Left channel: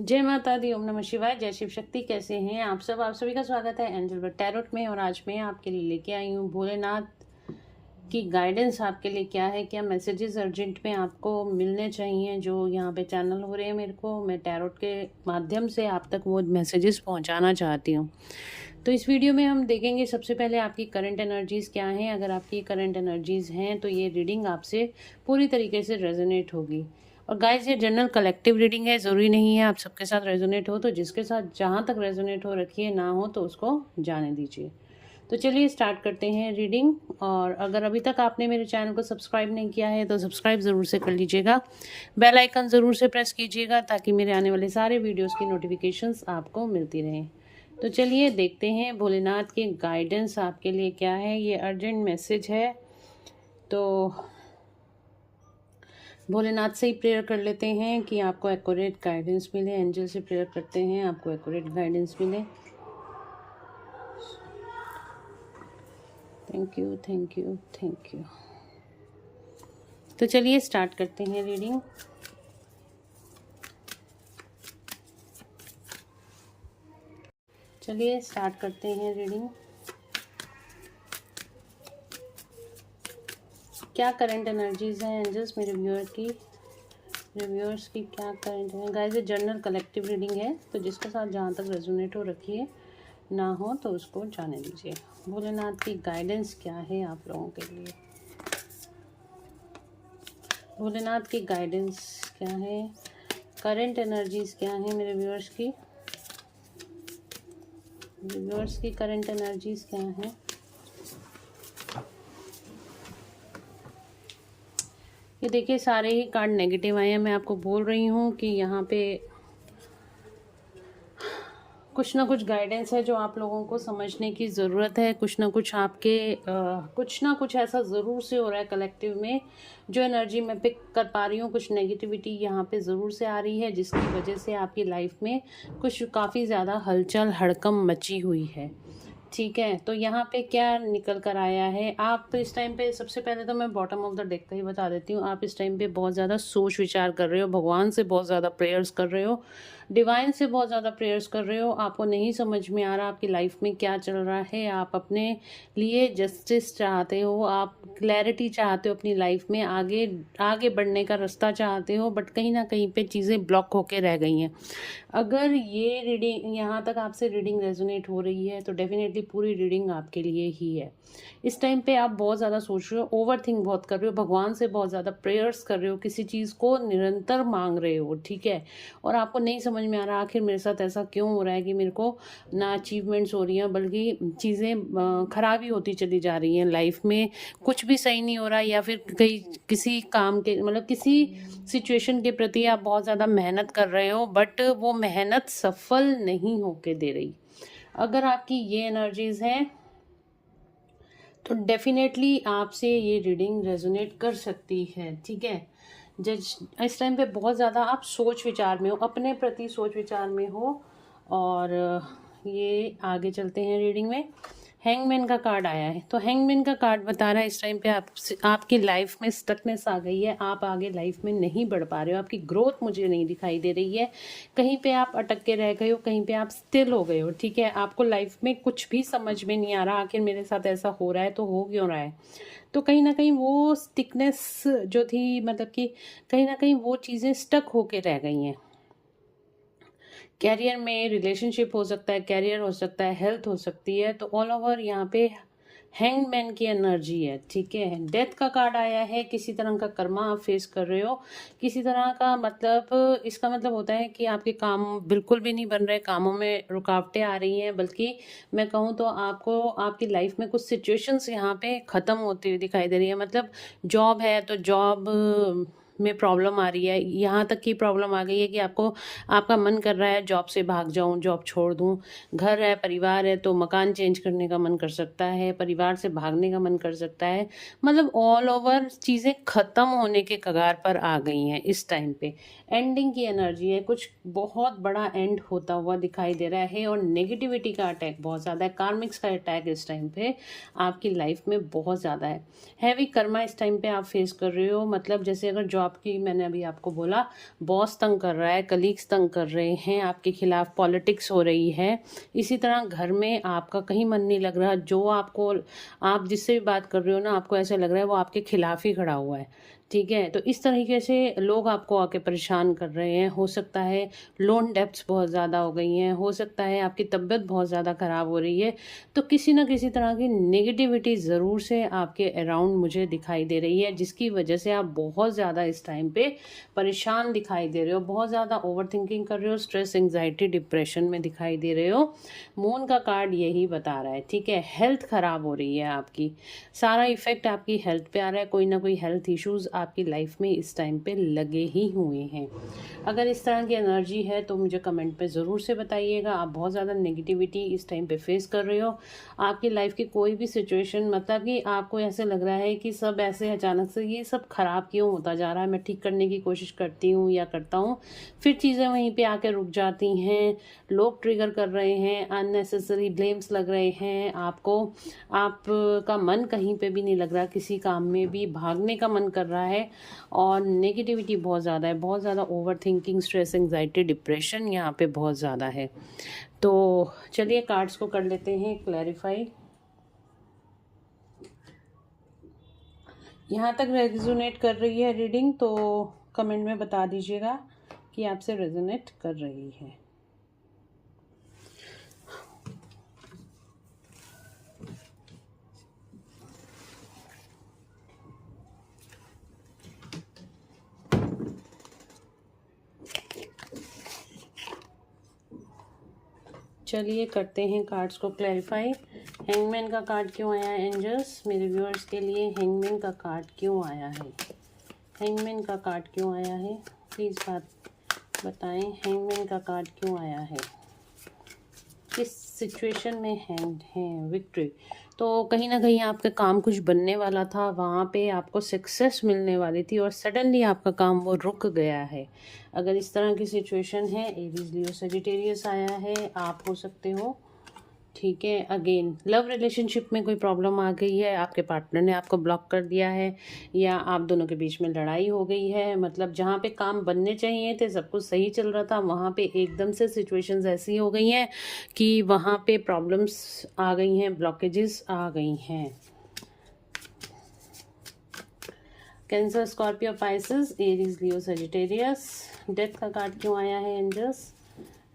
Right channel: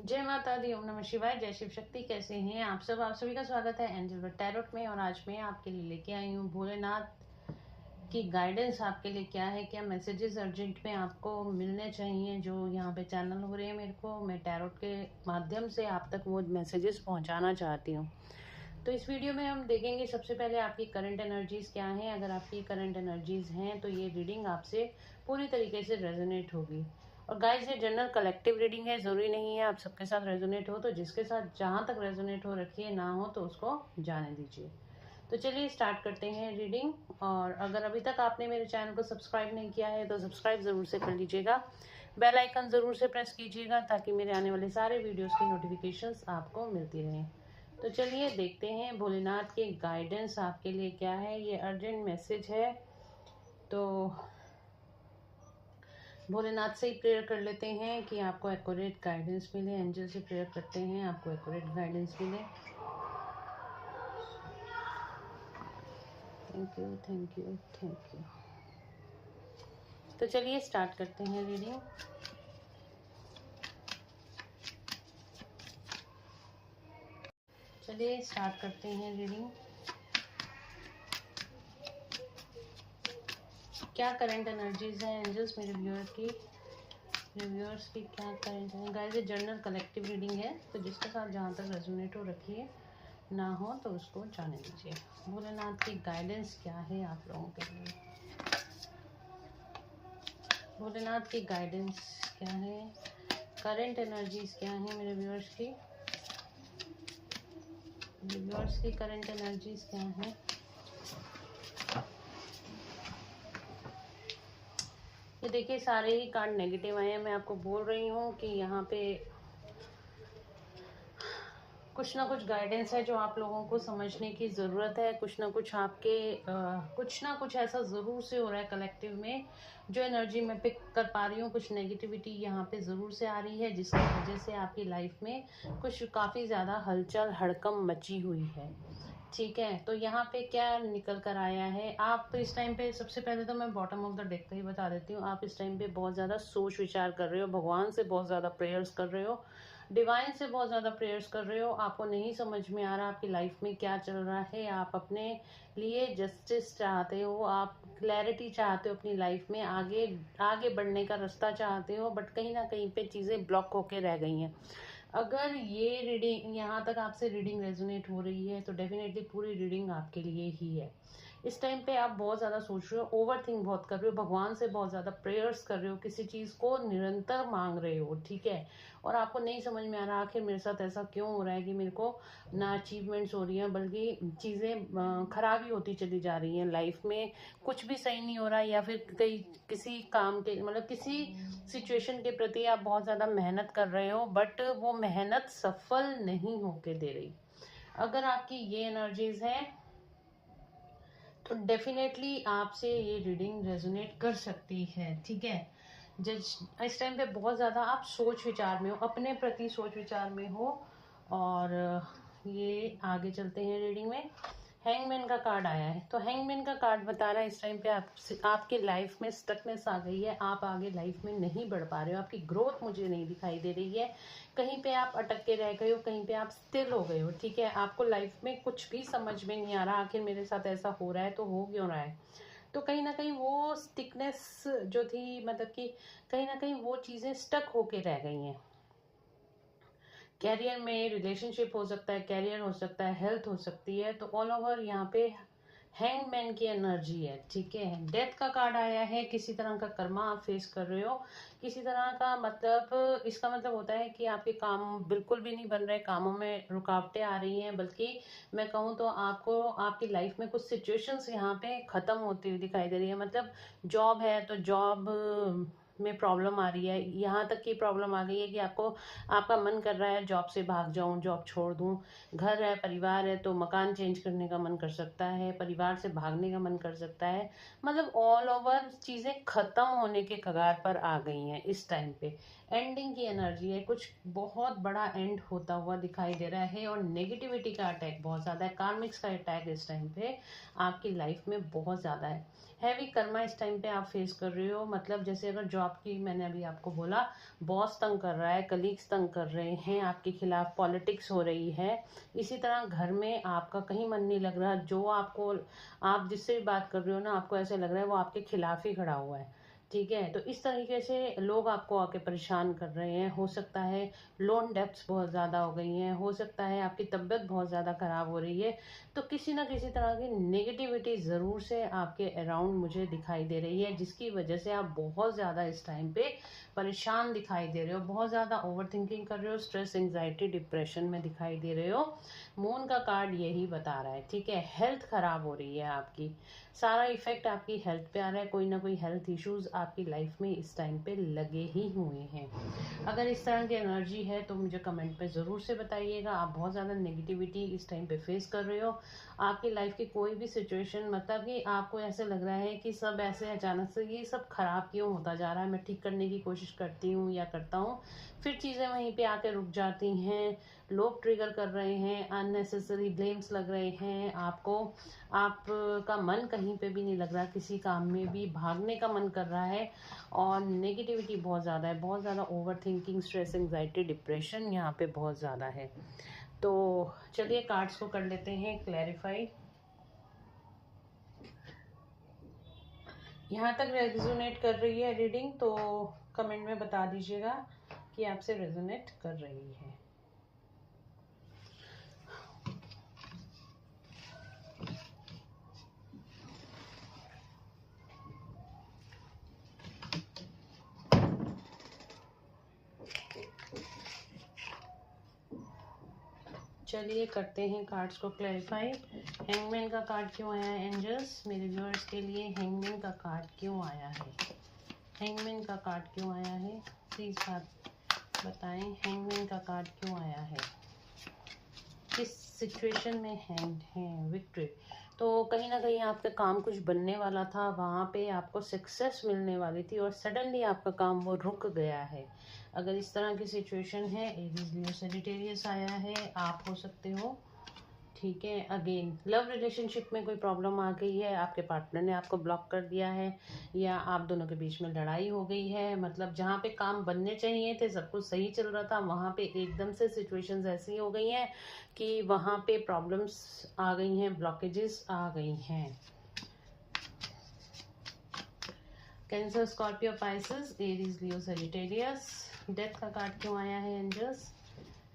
जय माता दी, ओम नमः शिवाय, जय शिव शक्ति। कैसे हैं आप सब? आप सभी का स्वागत है एंजल बर्ड टैरोट में। और आज मैं आपके लिए लेके आई हूँ भोलेनाथ की गाइडेंस। आपके लिए क्या है, क्या मैसेजेस अर्जेंट में आपको मिलने चाहिए, जो यहाँ पे चैनल हो रहे हैं मेरे को, मैं टैरोट के माध्यम से आप तक वो मैसेजेस पहुँचाना चाहती हूँ। तो इस वीडियो में हम देखेंगे सबसे पहले आपकी करंट एनर्जीज़ क्या हैं। अगर आपकी करंट एनर्जीज़ हैं तो ये रीडिंग आपसे पूरी तरीके से रेजोनेट होगी। और गाइस, ये जनरल कलेक्टिव रीडिंग है, ज़रूरी नहीं है आप सबके साथ रेजोनेट हो। तो जिसके साथ जहाँ तक रेजोनेट हो रखिए, ना हो तो उसको जाने दीजिए। तो चलिए स्टार्ट करते हैं रीडिंग। और अगर अभी तक आपने मेरे चैनल को सब्सक्राइब नहीं किया है तो सब्सक्राइब ज़रूर से कर लीजिएगा, बेल आइकन ज़रूर से प्रेस कीजिएगा ताकि मेरे आने वाले सारे वीडियोस की नोटिफिकेशंस आपको मिलती रहें। तो चलिए देखते हैं भोलेनाथ की गाइडेंस आपके लिए क्या है। ये अर्जेंट मैसेज है, तो भोलेनाथ से ही प्रेयर कर लेते हैं कि आपको एक्यूरेट गाइडेंस मिले। एंजल से प्रेयर करते हैं आपको एक्यूरेट गाइडेंस मिले। Thank you, thank you, thank you. तो चलिए स्टार्ट करते हैं रीडिंग। चलिए स्टार्ट करते हैं रीडिंग। क्या करंट एनर्जीज है एंजल्स मेरे व्यूअर्स की क्या करंट है। गाइस, ये जनरल कलेक्टिव रीडिंग है, तो जिसके साथ जहाँ तक रेजोनेट हो रखिए, ना हो तो उसको जाने दीजिए। भोलेनाथ की गाइडेंस क्या है आप लोगों के लिए? भोलेनाथ की गाइडेंस क्या है, करंट एनर्जीज क्या है मेरे व्यूअर्स की करंट एनर्जीज क्या है। ये देखिए, सारे ही कार्ड नेगेटिव आए हैं। मैं आपको बोल रही हूँ कि यहाँ पे कुछ ना कुछ गाइडेंस है जो आप लोगों को समझने की ज़रूरत है। कुछ ना कुछ आपके कुछ ना कुछ ऐसा ज़रूर से हो रहा है कलेक्टिव में, जो एनर्जी मैं पिक कर पा रही हूँ। कुछ नेगेटिविटी यहाँ पे ज़रूर से आ रही है, जिसकी वजह से आपकी लाइफ में कुछ काफ़ी ज़्यादा हलचल हड़कम मची हुई है। ठीक है, तो यहाँ पे क्या निकल कर आया है। आप इस टाइम पे, सबसे पहले तो मैं बॉटम ऑफ द डेक का ही बता देती हूँ, आप इस टाइम पे बहुत ज़्यादा सोच विचार कर रहे हो, भगवान से बहुत ज़्यादा प्रेयर्स कर रहे हो, डिवाइन से बहुत ज़्यादा प्रेयर्स कर रहे हो। आपको नहीं समझ में आ रहा आपकी लाइफ में क्या चल रहा है। आप अपने लिए जस्टिस चाहते हो, आप क्लैरिटी चाहते हो अपनी लाइफ में, आगे आगे बढ़ने का रास्ता चाहते हो, बट कहीं ना कहीं पे चीज़ें ब्लॉक होके रह गई हैं। अगर ये रीडिंग यहाँ तक आपसे रीडिंग रेजोनेट हो रही है तो डेफिनेटली पूरी रीडिंग आपके लिए ही है। इस टाइम पे आप बहुत ज़्यादा सोच रहे हो, ओवर थिंक बहुत कर रहे हो, भगवान से बहुत ज़्यादा प्रेयर्स कर रहे हो, किसी चीज़ को निरंतर मांग रहे हो। ठीक है, और आपको नहीं समझ में आ रहा आखिर मेरे साथ ऐसा क्यों हो रहा है कि मेरे को ना अचीवमेंट्स हो रही हैं, बल्कि चीज़ें खराब ही होती चली जा रही हैं लाइफ में। कुछ भी सही नहीं हो रहा, या फिर कहीं किसी काम के, मतलब किसी सिचुएशन के प्रति आप बहुत ज़्यादा मेहनत कर रहे हो, बट वो मेहनत सफल नहीं होके दे रही। अगर आपकी ये एनर्जीज हैं तो डेफिनेटली आपसे ये रीडिंग रेजोनेट कर सकती है। ठीक है, जज इस टाइम पे बहुत ज़्यादा आप सोच विचार में हो, अपने प्रति सोच विचार में हो। और ये आगे चलते हैं रीडिंग में। हैंगमैन का कार्ड आया है, तो हैंगमैन का कार्ड बता रहा है इस टाइम पे आपकी लाइफ में स्टकनेस आ गई है, आप आगे लाइफ में नहीं बढ़ पा रहे हो, आपकी ग्रोथ मुझे नहीं दिखाई दे रही है। कहीं पे आप अटक के रह गए हो, कहीं पे आप स्टिल हो गए हो। ठीक है, आपको लाइफ में कुछ भी समझ में नहीं आ रहा आखिर मेरे साथ ऐसा हो रहा है तो हो क्यों रहा है। तो कहीं ना कहीं वो स्टिकनेस जो थी, मतलब कि कहीं ना कहीं वो चीज़ें स्टक होके रह गई हैं। कैरियर में, रिलेशनशिप हो सकता है, कैरियर हो सकता है, हेल्थ हो सकती है। तो ऑल ओवर यहाँ पे हैंगमैन की एनर्जी है। ठीक है, डेथ का कार्ड आया है, किसी तरह का कर्मा आप फेस कर रहे हो, किसी तरह का, मतलब इसका मतलब होता है कि आपके काम बिल्कुल भी नहीं बन रहे, कामों में रुकावटें आ रही हैं। बल्कि मैं कहूँ तो आपको आपकी लाइफ में कुछ सिचुएशंस यहाँ पे ख़त्म होती हुई दिखाई दे रही है। मतलब जॉब है तो जॉब में प्रॉब्लम आ रही है, यहाँ तक की प्रॉब्लम आ गई है कि आपका मन कर रहा है जॉब से भाग जाऊं, जॉब छोड़ दूं। घर है, परिवार है, तो मकान चेंज करने का मन कर सकता है, परिवार से भागने का मन कर सकता है। मतलब ऑल ओवर चीज़ें ख़त्म होने के कगार पर आ गई हैं इस टाइम पे। एंडिंग की एनर्जी है, कुछ बहुत बड़ा एंड होता हुआ दिखाई दे रहा है। और नेगेटिविटी का अटैक बहुत ज़्यादा है, कार्मिक्स का अटैक इस टाइम पे आपकी लाइफ में बहुत ज़्यादा है। हैवी कर्मा इस टाइम पे आप फेस कर रहे हो। मतलब जैसे अगर जॉब की, मैंने अभी आपको बोला, बॉस तंग कर रहा है, कलीग्स तंग कर रहे हैं, आपके खिलाफ पॉलिटिक्स हो रही है। इसी तरह घर में आपका कहीं मन नहीं लग रहा, जो आपको, आप जिससे भी बात कर रहे हो ना, आपको ऐसा लग रहा है वो आपके खिलाफ ही खड़ा हुआ है। ठीक है, तो इस तरीके से लोग आपको आके परेशान कर रहे हैं। हो सकता है लोन डेब्ट्स बहुत ज़्यादा हो गई हैं, हो सकता है आपकी तबीयत बहुत ज़्यादा ख़राब हो रही है। तो किसी ना किसी तरह की नेगेटिविटी ज़रूर से आपके अराउंड मुझे दिखाई दे रही है, जिसकी वजह से आप बहुत ज़्यादा इस टाइम पे परेशान दिखाई दे रहे हो, बहुत ज़्यादा ओवर थिंकिंग कर रहे हो, स्ट्रेस, एंग्जाइटी, डिप्रेशन में दिखाई दे रहे हो। मून का कार्ड यही बता रहा है। ठीक है, हेल्थ ख़राब हो रही है आपकी, सारा इफेक्ट आपकी हेल्थ पे आ रहा है। कोई ना कोई हेल्थ इश्यूज आपकी लाइफ में इस टाइम पे लगे ही हुए हैं। अगर इस तरह की एनर्जी है तो मुझे कमेंट पे ज़रूर से बताइएगा। आप बहुत ज़्यादा नेगेटिविटी इस टाइम पे फेस कर रहे हो। आपकी लाइफ की कोई भी सिचुएशन, मतलब कि आपको ऐसे लग रहा है कि सब ऐसे अचानक से ये सब ख़राब क्यों होता जा रहा है, मैं ठीक करने की कोशिश करती हूँ या करता हूँ, फिर चीज़ें वहीं पे आके रुक जाती हैं। लोग ट्रिगर कर रहे हैं, अननेसेसरी ब्लेम्स लग रहे हैं आपको, आपका मन कहीं पे भी नहीं लग रहा, किसी काम में भी भागने का मन कर रहा है। और नेगेटिविटी बहुत ज़्यादा है, बहुत ज़्यादा over thinking, stress, anxiety, depression यहाँ पे बहुत ज़्यादा है। तो चलिए कार्ड्स को कर लेते हैं क्लैरिफाई। यहाँ तक रेजोनेट कर रही है रीडिंग तो कमेंट में बता दीजिएगा कि आपसे रेजोनेट कर रही है। चलिए करते हैं कार्ड्स को क्लैरिफाई। हैंगमैन का कार्ड क्यों आया है एंजल्स मेरे व्यूअर्स के लिए? हैंगमैन का कार्ड क्यों आया है? हैंगमैन का कार्ड क्यों आया है, प्लीज़ बात बताएं। हैंगमैन का कार्ड क्यों आया है, किस सिचुएशन में हैंग्ड हैं? विक्ट्री। तो कहीं ना कहीं आपका काम कुछ बनने वाला था, वहाँ पे आपको सक्सेस मिलने वाली थी और सडनली आपका काम वो रुक गया है। अगर इस तरह की सिचुएशन है, एरीज, लियो, सजिटेरियस आया है, आप हो सकते हो। ठीक है, अगेन लव रिलेशनशिप में कोई प्रॉब्लम आ गई है, आपके पार्टनर ने आपको ब्लॉक कर दिया है, या आप दोनों के बीच में लड़ाई हो गई है। मतलब जहाँ पे काम बनने चाहिए थे, सब कुछ सही चल रहा था, वहाँ पे एकदम से सिचुएशंस ऐसी हो गई हैं कि वहाँ पे प्रॉब्लम्स आ गई हैं, ब्लॉकेजेस आ गई हैं। कैंसर, स्कॉर्पियो, पाइसेस, एरीज, लियो, सजिटेरियस। डेथ का कार्ड क्यों आया है एंजल्स?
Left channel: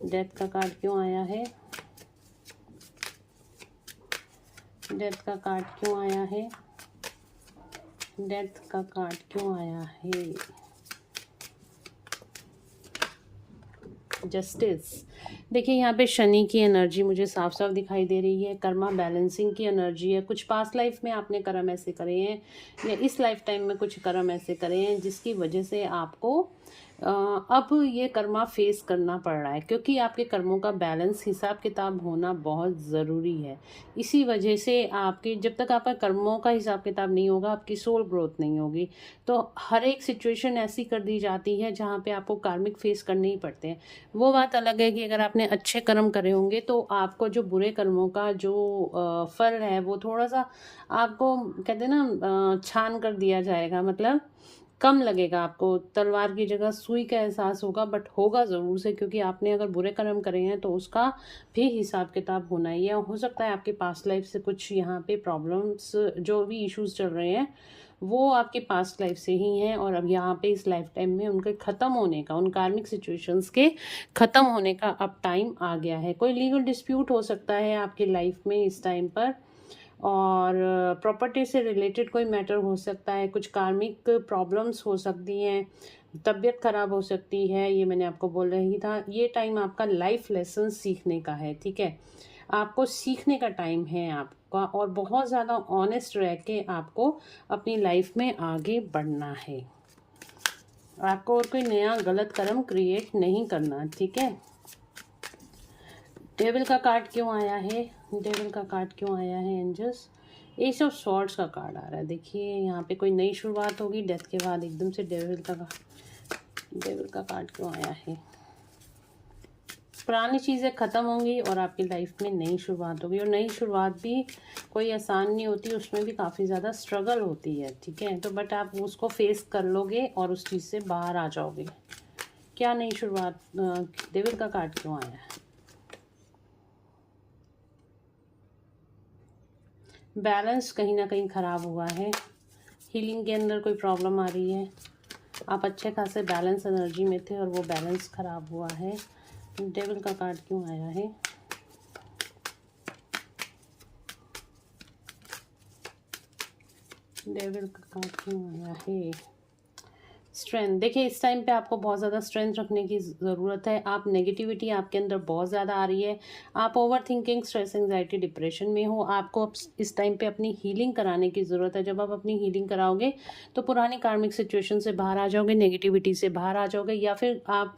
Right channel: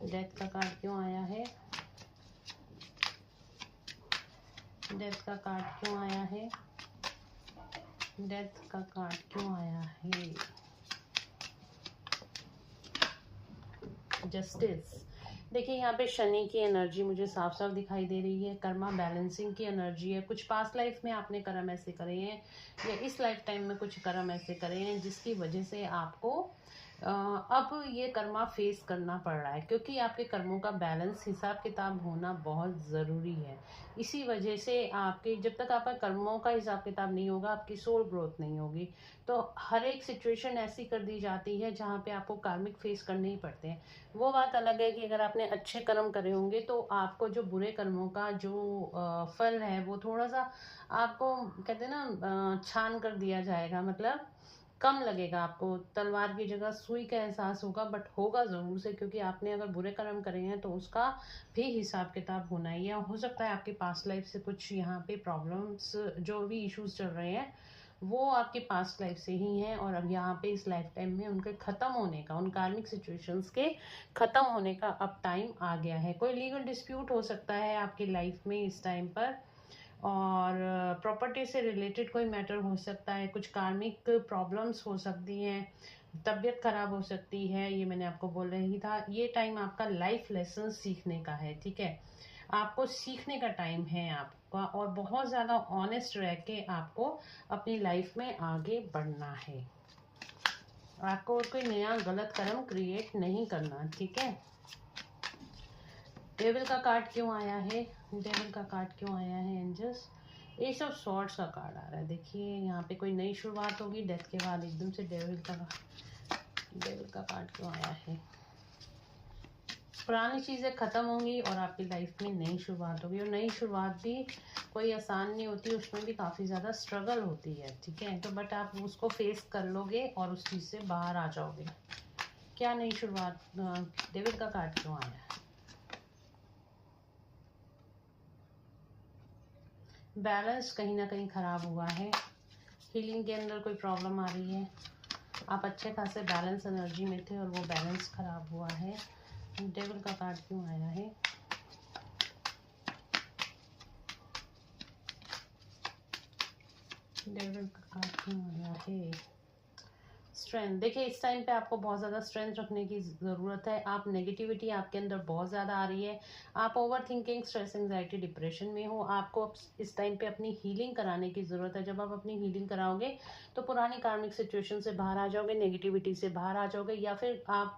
डेथ का कार्ड क्यों आया है? डेथ का कार्ड क्यों आया है? डेथ का कार्ड क्यों आया है? जस्टिस। देखिए यहाँ पे शनि की एनर्जी मुझे साफ साफ दिखाई दे रही है, कर्मा बैलेंसिंग की एनर्जी है। कुछ पास्ट लाइफ में आपने कर्म ऐसे करे हैं या इस लाइफ टाइम में कुछ कर्म ऐसे करे हैं जिसकी वजह से आपको अब ये कर्मा फेस करना पड़ रहा है, क्योंकि आपके कर्मों का बैलेंस, हिसाब किताब होना बहुत ज़रूरी है। इसी वजह से आपकी, जब तक आपका कर्मों का हिसाब किताब नहीं होगा, आपकी सोल ग्रोथ नहीं होगी। तो हर एक सिचुएशन ऐसी कर दी जाती है जहाँ पे आपको कार्मिक फेस करने ही पड़ते हैं। वो बात अलग है कि अगर आपने अच्छे कर्म करे होंगे तो आपको जो बुरे कर्मों का जो फल है वो थोड़ा सा आपको, कहते हैं ना, छान कर दिया जाएगा। मतलब कम लगेगा, आपको तलवार की जगह सुई का एहसास होगा, बट होगा ज़रूर से, क्योंकि आपने अगर बुरे कर्म करे हैं तो उसका भी हिसाब किताब होना ही है। हो सकता है आपके पास्ट लाइफ से कुछ यहाँ पे प्रॉब्लम्स, जो भी इश्यूज चल रहे हैं वो आपके पास्ट लाइफ से ही हैं, और अब यहाँ पे इस लाइफ टाइम में उनके ख़त्म होने का, उन कार्मिक सिचुएशंस के ख़त्म होने का अब टाइम आ गया है। कोई लीगल डिस्प्यूट हो सकता है आपकी लाइफ में इस टाइम पर, और प्रॉपर्टी से रिलेटेड कोई मैटर हो सकता है, कुछ कार्मिक प्रॉब्लम्स हो सकती हैं, तबीयत खराब हो सकती है। ये मैंने आपको बोल रही था, ये टाइम आपका लाइफ लेसन सीखने का है। ठीक है, आपको सीखने का टाइम है आपका, और बहुत ज़्यादा ऑनेस्ट रह के आपको अपनी लाइफ में आगे बढ़ना है। आपको और कोई नया गलत कर्म क्रिएट नहीं करना। ठीक है, डेविल का कार्ड क्यों आया है? डेविल का कार्ड क्यों आया है एंजल्स? एस ऑफ स्वॉर्ड्स का कार्ड आ रहा है। देखिए यहाँ पे कोई नई शुरुआत होगी, डेथ के बाद एकदम से डेविल का डेविल का कार्ड क्यों आया है? पुरानी चीज़ें ख़त्म होंगी और आपकी लाइफ में नई शुरुआत होगी, और नई शुरुआत भी कोई आसान नहीं होती, उसमें भी काफ़ी ज़्यादा स्ट्रगल होती है, ठीक है। तो बट आप उसको फेस कर लोगे और उस चीज़ से बाहर आ जाओगे। क्या नई शुरुआत? डेविल का कार्ड क्यों आया है? बैलेंस कहीं ना कहीं ख़राब हुआ है, हीलिंग के अंदर कोई प्रॉब्लम आ रही है, आप अच्छे खासे बैलेंस एनर्जी में थे और वो बैलेंस ख़राब हुआ है। डेविल का कार्ड क्यों आया है? डेविल का कार्ड क्यों आया है? स्ट्रेंथ। देखिए इस टाइम पे आपको बहुत ज़्यादा स्ट्रेंथ रखने की ज़रूरत है। आप नेगेटिविटी आपके अंदर बहुत ज़्यादा आ रही है, आप over thinking, stress, anxiety, depression में हो। आपको अब इस टाइम पे अपनी हीलिंग कराने की ज़रूरत है। जब आप अपनी हीलिंग कराओगे तो पुरानी कार्मिक सिचुएशन से बाहर आ जाओगे, नेगेटिविटी से बाहर आ जाओगे, या फिर आप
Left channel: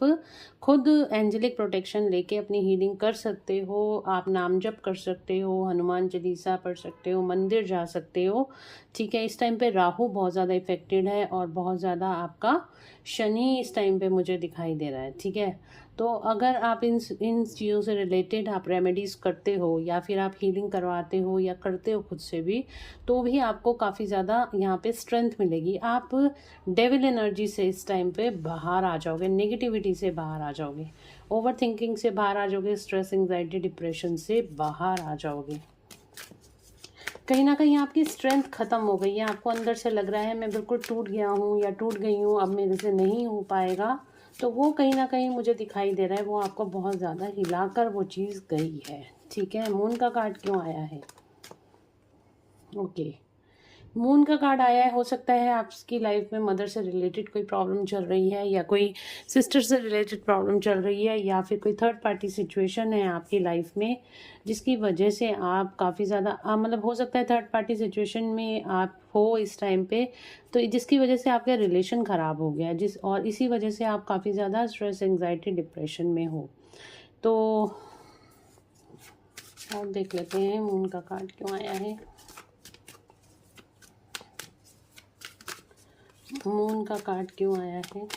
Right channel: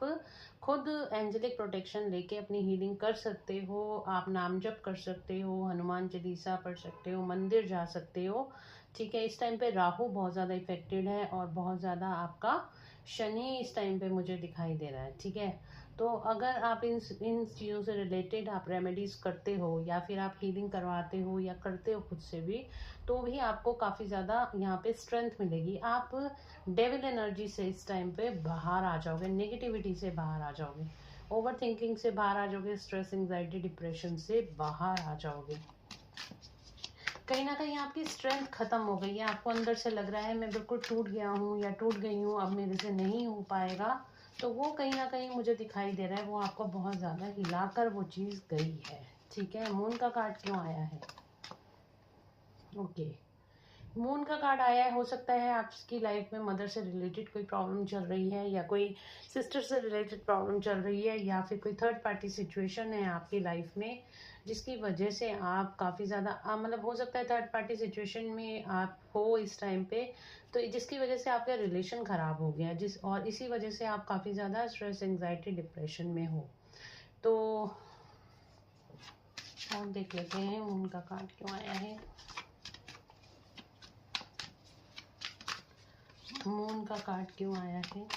खुद एंजेलिक प्रोटेक्शन लेके अपनी हीलिंग कर सकते हो। आप नाम जप कर सकते हो, हनुमान चालीसा पढ़ सकते हो, मंदिर जा सकते हो, ठीक है। इस टाइम पे राहु बहुत ज़्यादा इफेक्टेड है और बहुत ज़्यादा आपका शनि इस टाइम पे मुझे दिखाई दे रहा है, ठीक है। तो अगर आप इन चीज़ों से रिलेटेड आप रेमेडीज़ करते हो या फिर आप हीलिंग करवाते हो या करते हो खुद से भी, तो भी आपको काफ़ी ज़्यादा यहाँ पे स्ट्रेंथ मिलेगी। आप डेविल एनर्जी से इस टाइम पे बाहर आ जाओगे, नेगेटिविटी से बाहर आ जाओगे, ओवर थिंकिंग से बाहर आ जाओगे, स्ट्रेस, एंजाइटी, डिप्रेशन से बाहर आ जाओगे। कहीं ना कहीं आपकी स्ट्रेंथ ख़त्म हो गई है, आपको अंदर से लग रहा है मैं बिल्कुल टूट गया हूँ या टूट गई हूँ, अब मेरे से नहीं हो पाएगा। तो वो कहीं ना कहीं मुझे दिखाई दे रहा है, वो आपको बहुत ज़्यादा हिलाकर वो चीज़ गई है, ठीक है। मून का कार्ड क्यों आया है? ओके, मून का कार्ड आया है। हो सकता है आपकी लाइफ में मदर से रिलेटेड कोई प्रॉब्लम चल रही है, या कोई सिस्टर से रिलेटेड प्रॉब्लम चल रही है, या फिर कोई थर्ड पार्टी सिचुएशन है आपकी लाइफ में जिसकी वजह से आप काफ़ी ज़्यादा मतलब हो सकता है थर्ड पार्टी सिचुएशन में आप हो इस टाइम पे, तो जिसकी वजह से आपका रिलेशन ख़राब हो गया, और इसी वजह से आप काफ़ी ज़्यादा स्ट्रेस, एंजाइटी, डिप्रेशन में हो। तो आप देख लेते हैं मून का कार्ड क्यों आया है। मून का कार्ड क्यों आया है?